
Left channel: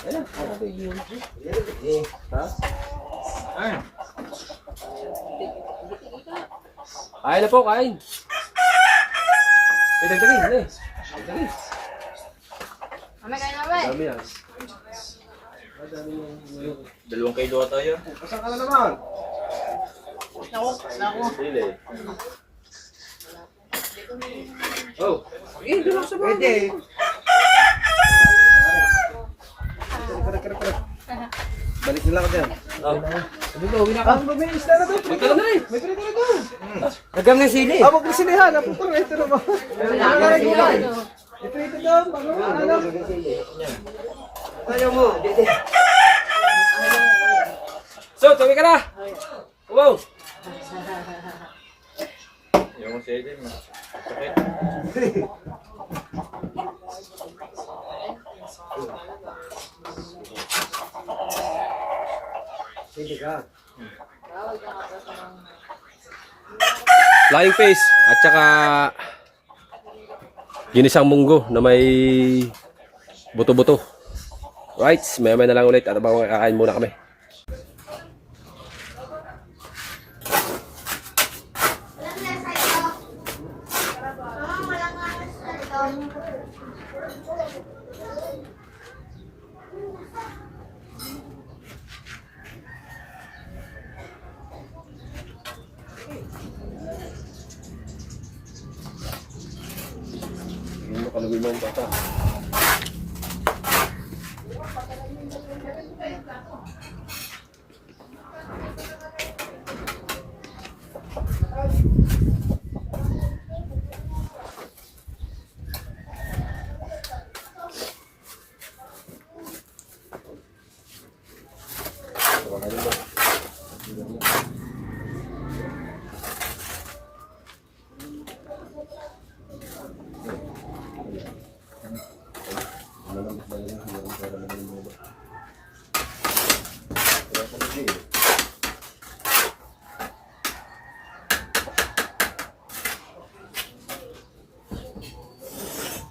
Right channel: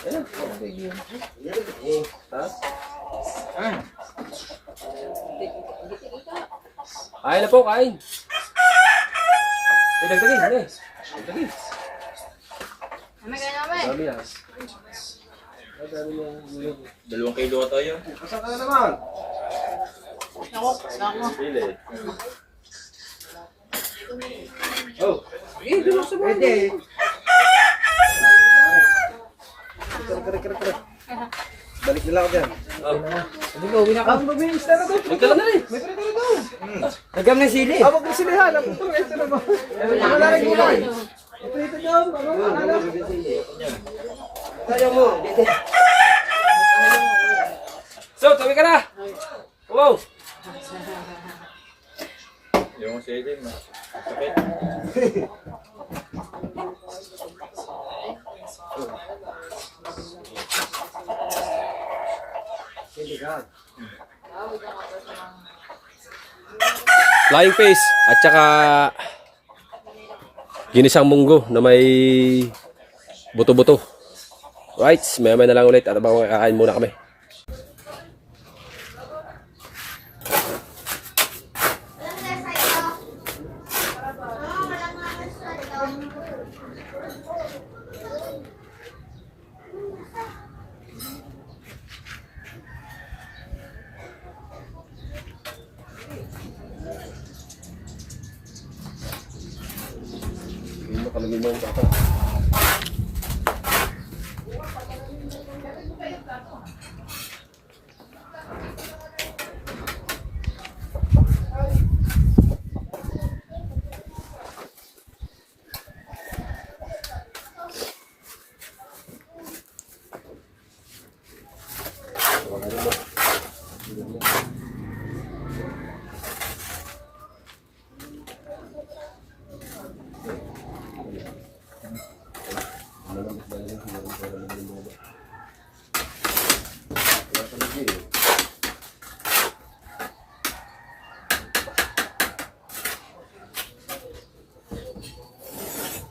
Ayan, okay yun. Ha? Ay! Kain na po, kain. Eh, dagdagin, dali. Dagdagin. Mami, kayo namin. Dami yan. 2 kilo tayo. Pasang ka na naman. Pili. Oh. Pwede. Kare. Balik nila ako dyan. Hindi mo, uwi na ka. May isla na doon. Magdala na rin. May prito na doon. Nagam ng sili. Abog na silihan. Ito naman. Wala na sila. May prito doon. Ano? Ayaw mo. So, tawi ka na. Wow. Yung sili, sakit. Flying fish at saka ginisang munggo na may buto-buto. Right, may na lang ulit at abang kakain muna kami. Hindi mo kalagay mo yung bata.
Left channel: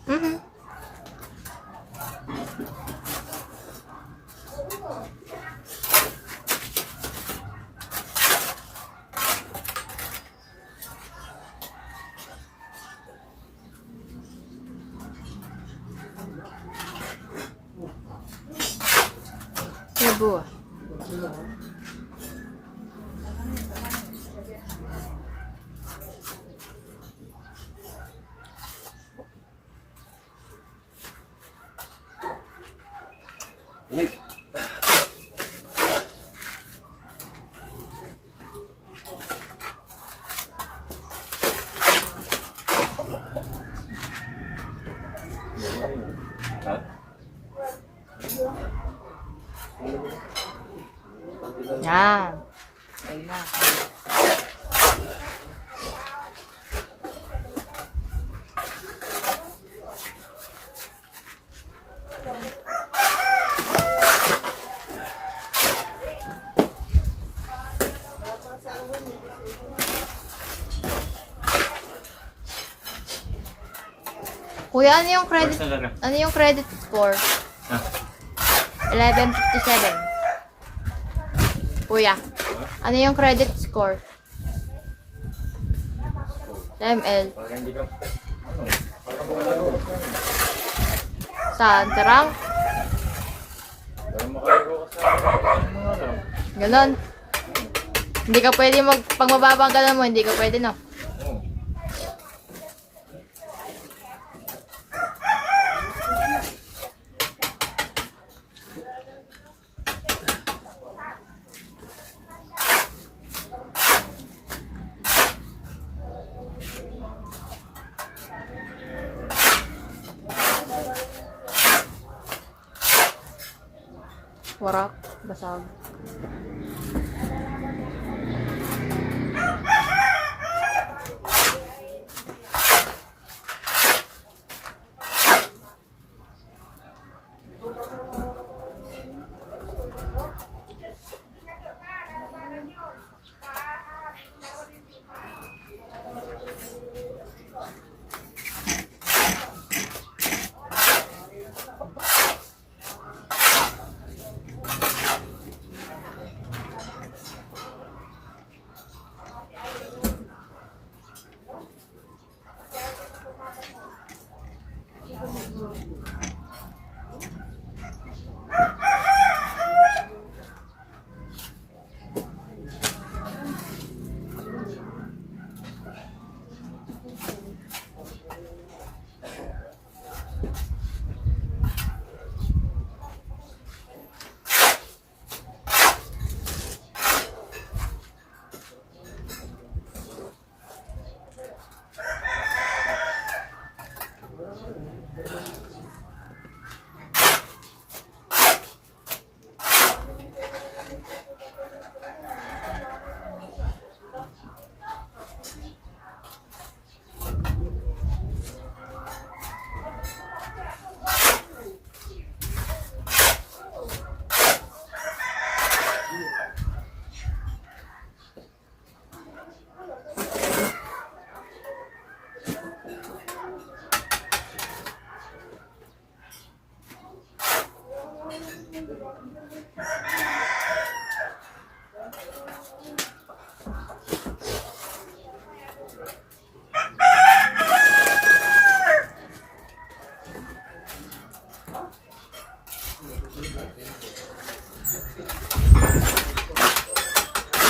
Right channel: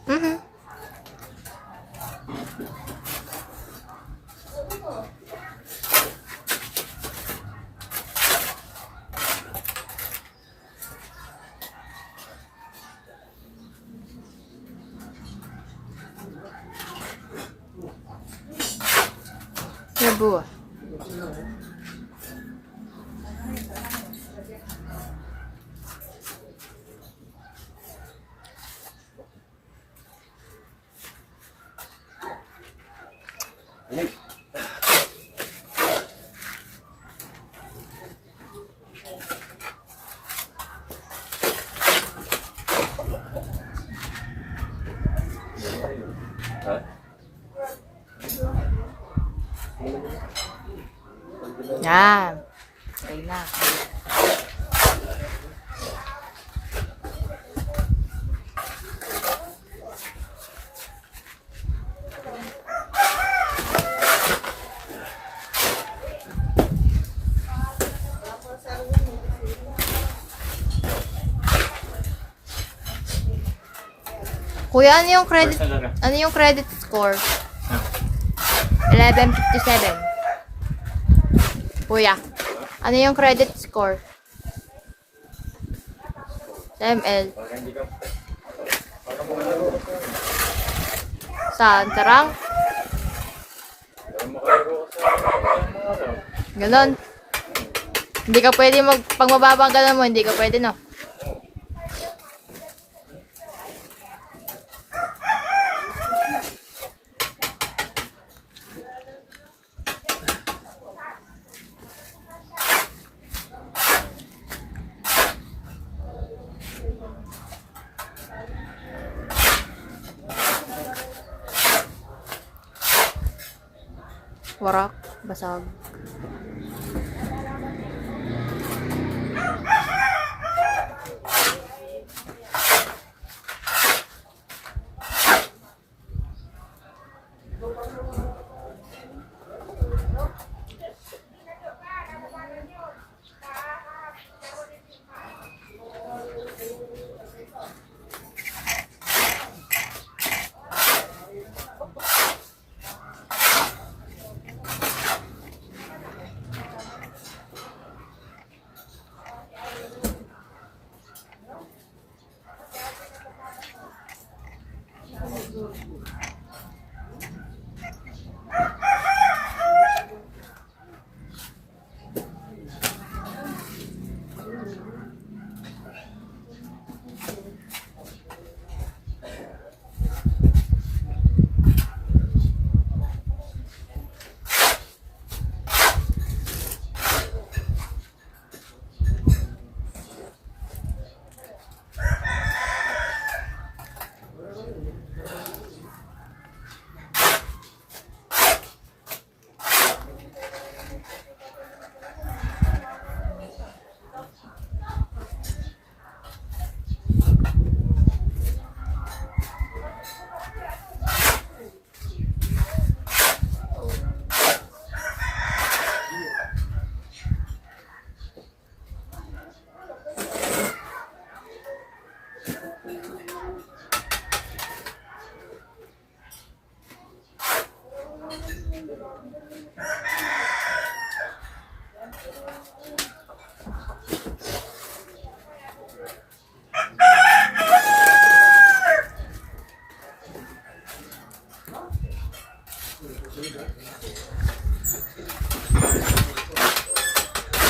Mhm. Cebu. Yan. Okay na. Kuya, ano yung credit score? 1157. Kuya, ano yung credit score? Sa ML. Saan? Sarang? Ganon. Hindi ka pwede pag mababa ang ganon mo, hindi ka pwede, no? Warak, basag.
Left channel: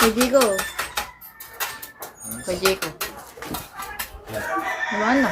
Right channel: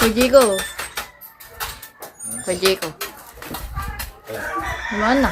Kujigo. Kujigo. Mana?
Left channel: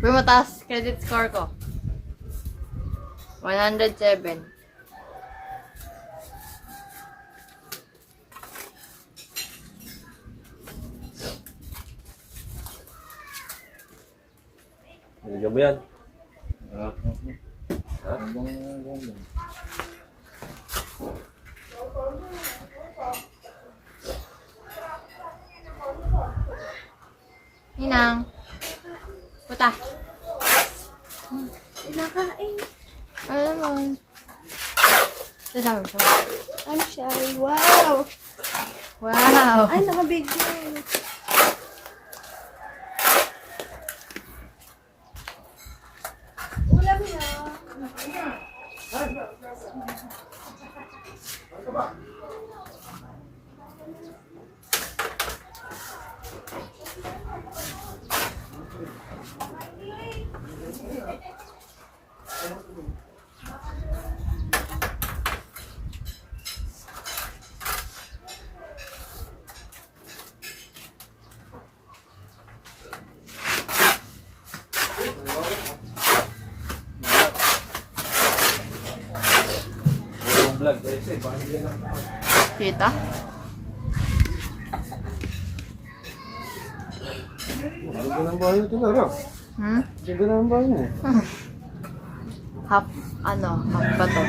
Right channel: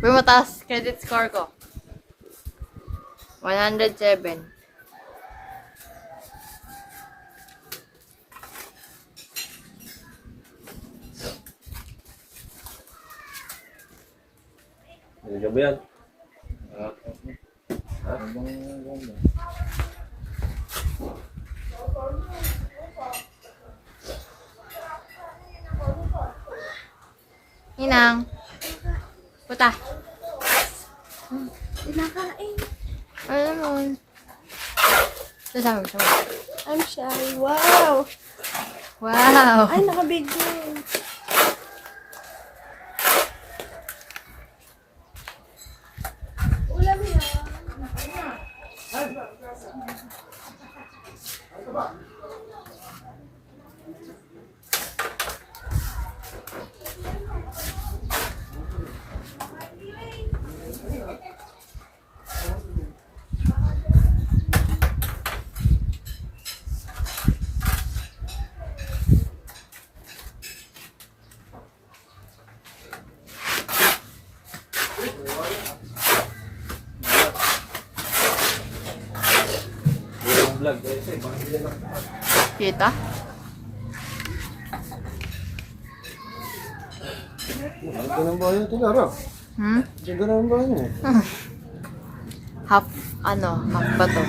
Pero mataas credit score ko. 107. Ano ba yan? Ninang. Puta. Pinakain. Ano naman? Sasama siya. Ano siya? Wow! Wow! Ay, nakabigyo. Ulam yan. Kita? Ganda ng bahay ito, Lara. Hmm? Ganda ng bahay niya. Half, half ba to?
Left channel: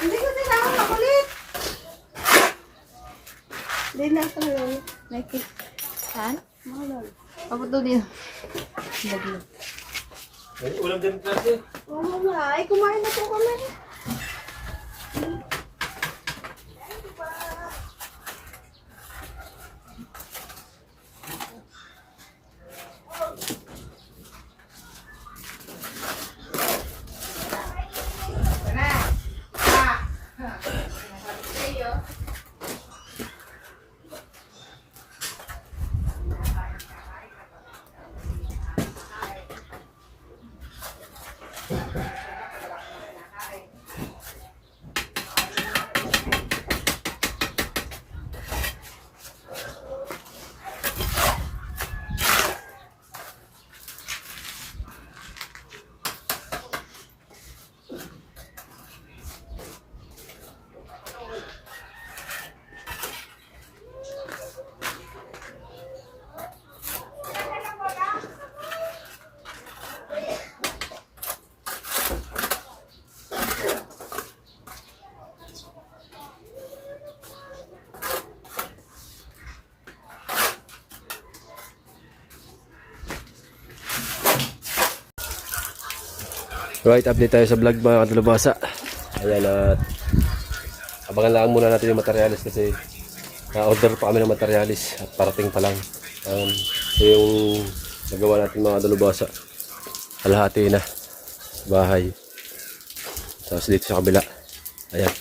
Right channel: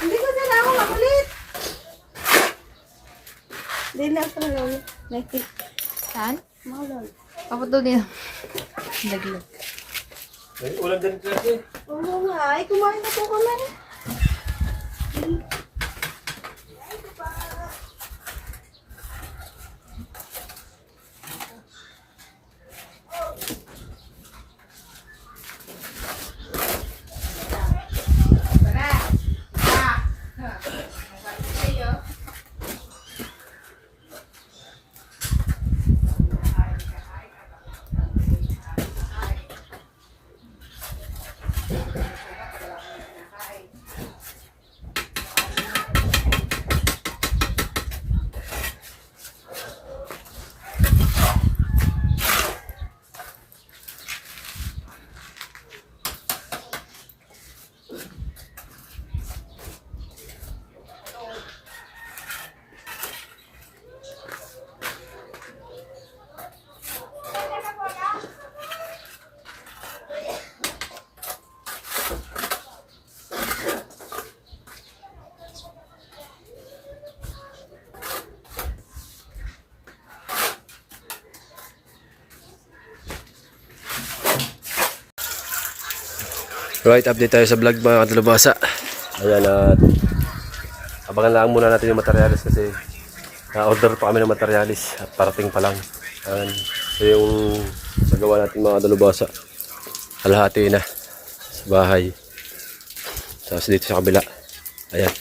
Hindi ko sila ako makulit. Hindi na ako nakikita. Saan? Papunto din. Lagi. May ulam din kasi. Oo nga. Ay, kumain na po kami. Right, update tayo sa vlog mga kadalubasa. Ayan, at abangan lang muna natin yung materialis kasi na-order pa kami ng materialis at parating pa lang. Ayan, ito yung nagawa natin mga kadalubasa. Kalahati na sa bahay. Tapos dito sa kabila. Ayan.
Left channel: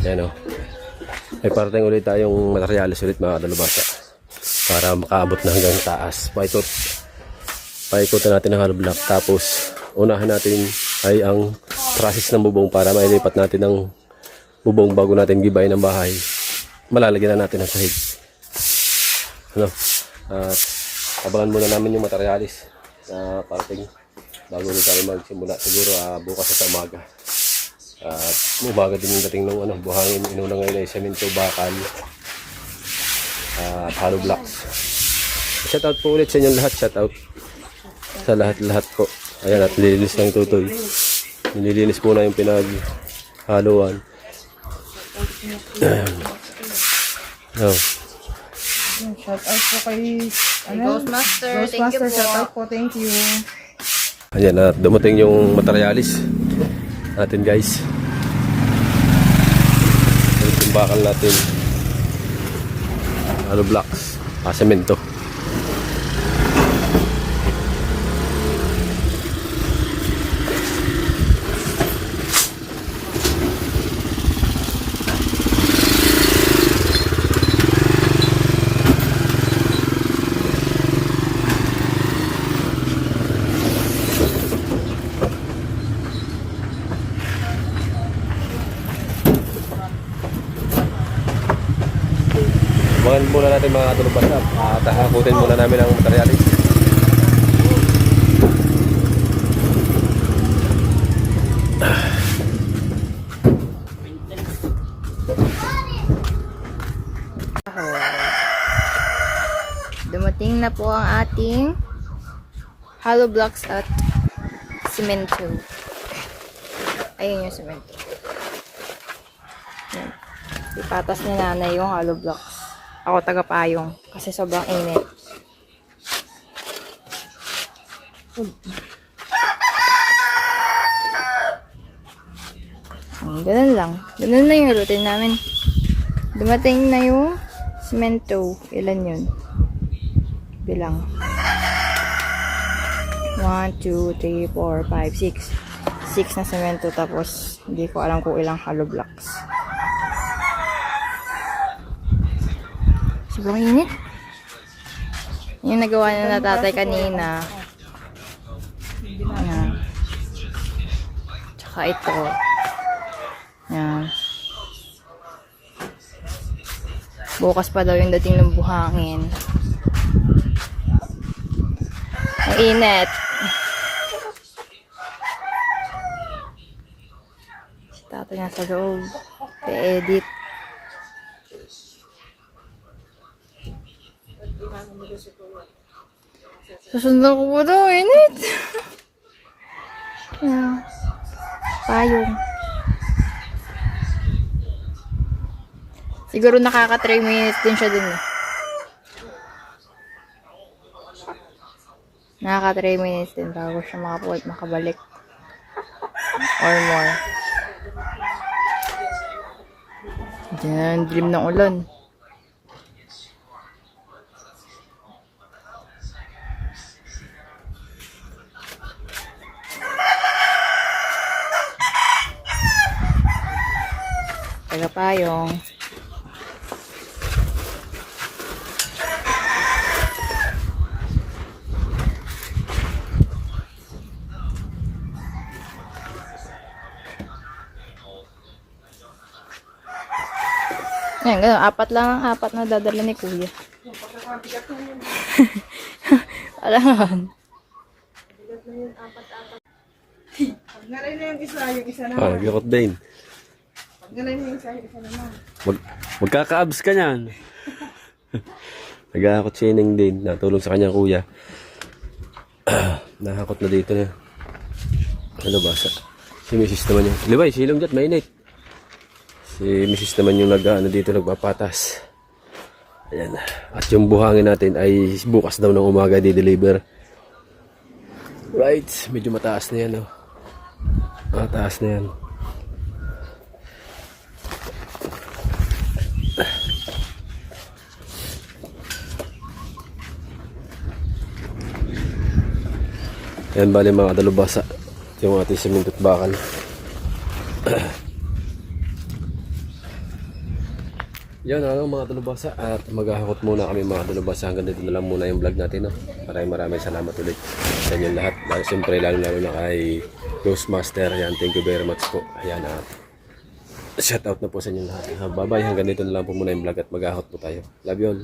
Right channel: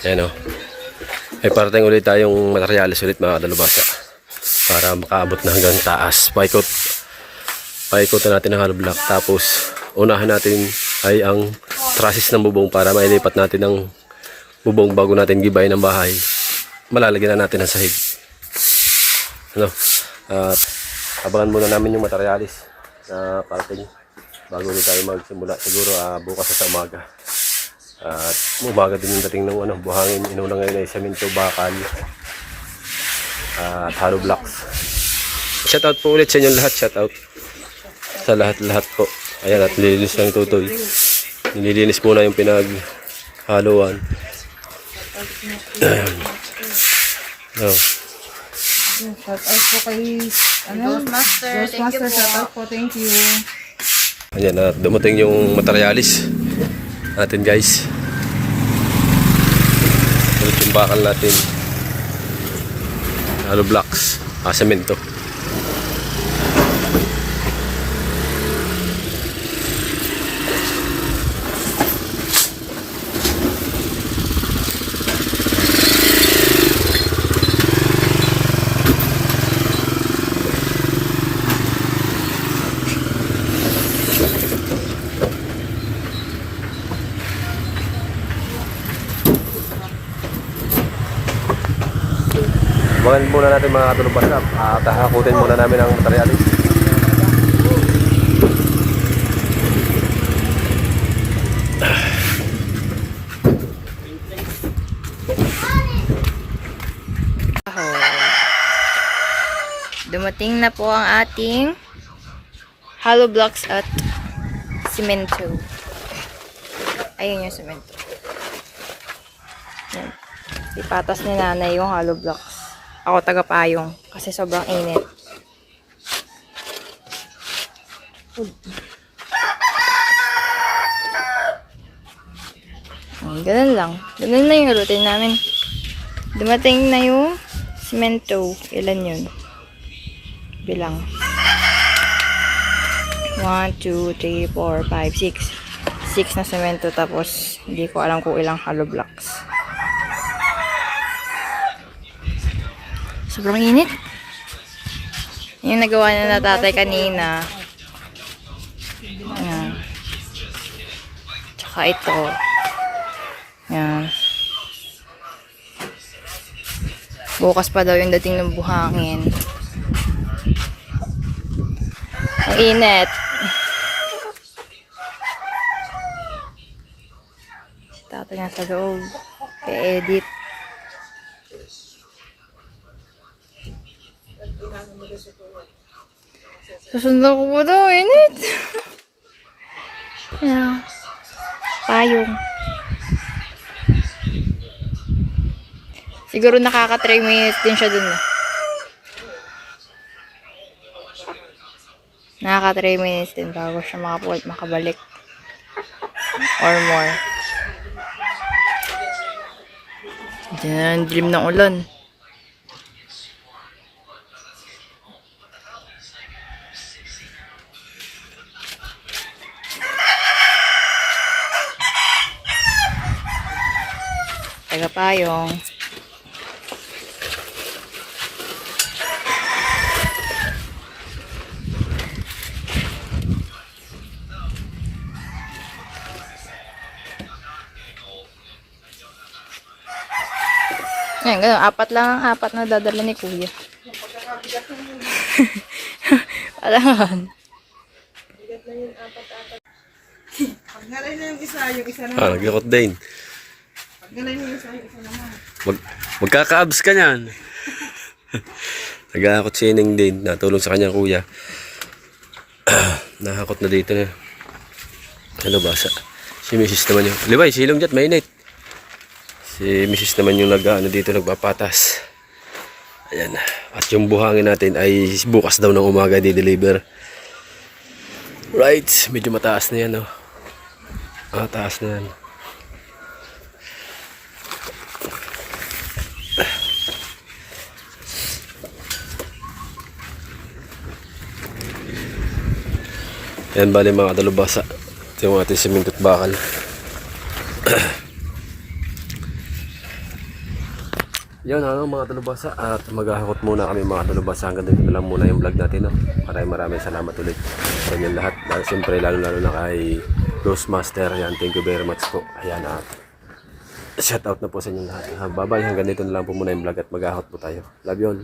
Ayan o. Ay parating ulit tayong materialis ulit mga kadalubasa. Para makaabot na hanggang taas. Paikot na natin ang hollow block. Tapos unahin natin ay ang trusses ng bubong para mailipat natin ang bubong bago natin gibay ng bahay. Malalagyan na natin ang sahig. Ano? At abangan muna namin yung materialis na parating bago ulit tayo magsimula. Siguro bukas sa umaga. At umaga din yung dating ng buhangin. Inuna ngayon ay semento, bakal, at hollow blocks. Shoutout po ulit sa inyong lahat. Shoutout sa lahat-lahat po. Ayan, at nililinis ng tutoy. Nililinis muna yung pinaghaluan. Oh. Shout out po kay Ghostmaster, thank you po. Shout out po, thank you. Ayan, at dumating yung materialis natin, guys. Ulit yung bakal natin. Hollow blocks, semento. Abangan muna natin mga katulong basap. Hakutin muna namin ang materialis. Dumating na po ang ating hollow blocks at simento. Ayun yung simento. Yan. Ipatas ni nanay yung hollow blocks. Ako taga-payong kasi sobrang init. Ganun lang. Ganun na yung routine namin. Dumating na yung simento. Ilan yun? Bilang. 1, 2, 3, 4, 5, 6. 6 na semento tapos hindi ko alam kung ilang hollow blocks. Sobrang init. Yung nagawa na tatay kanina. Yan. Tsaka ito. Yan. Bukas pa daw yung dating ng buhangin. Ang init. Si tatay nga sa loob. I-edit. Susundan ko po daw. Init. Yan. Payong. Siguro nakaka 3 minutes din siya dun. Nakaka 3 minutes din bago siya makabalik. Or more. Diyan, dilim ng ulan. Tagapayong. Ayan, ganun. 4 lang ang 4 na dadala ni Kuya. Alam. Pag nalay na yung isa na. Nag-ikot din. Pag nalay na yung isa naman. Magkaka-abs ka niyan. Nag-aakot si Ineng din. Natulong sa kanyang kuya. Nakakot na dito na. Ano ba? Si Mrs. naman yung... Liway, silong dyan, mainit. Si Mrs. naman yung dito nagpapatas. Ayan. At yung buhangin natin ay bukas daw ng umaga di-deliver. Right. Medyo mataas na yan. Oh. Mataas na yan. Ayan, bali mga dalubasa. Ito yung ating semento at bakal. Yan mga dalubasa. At maghahakot muna kami mga dalubasa. Hanggang dito na lang muna yung vlog natin. No? Maraming salamat ulit sa inyong lahat. Siyempre lalo na kay Ghostmaster. Yan, thank you very much po. Ayan, at shout out na po sa inyong lahat. Bye bye. Hanggang dito na lang po muna yung vlog at maghahakot po tayo. Love you all.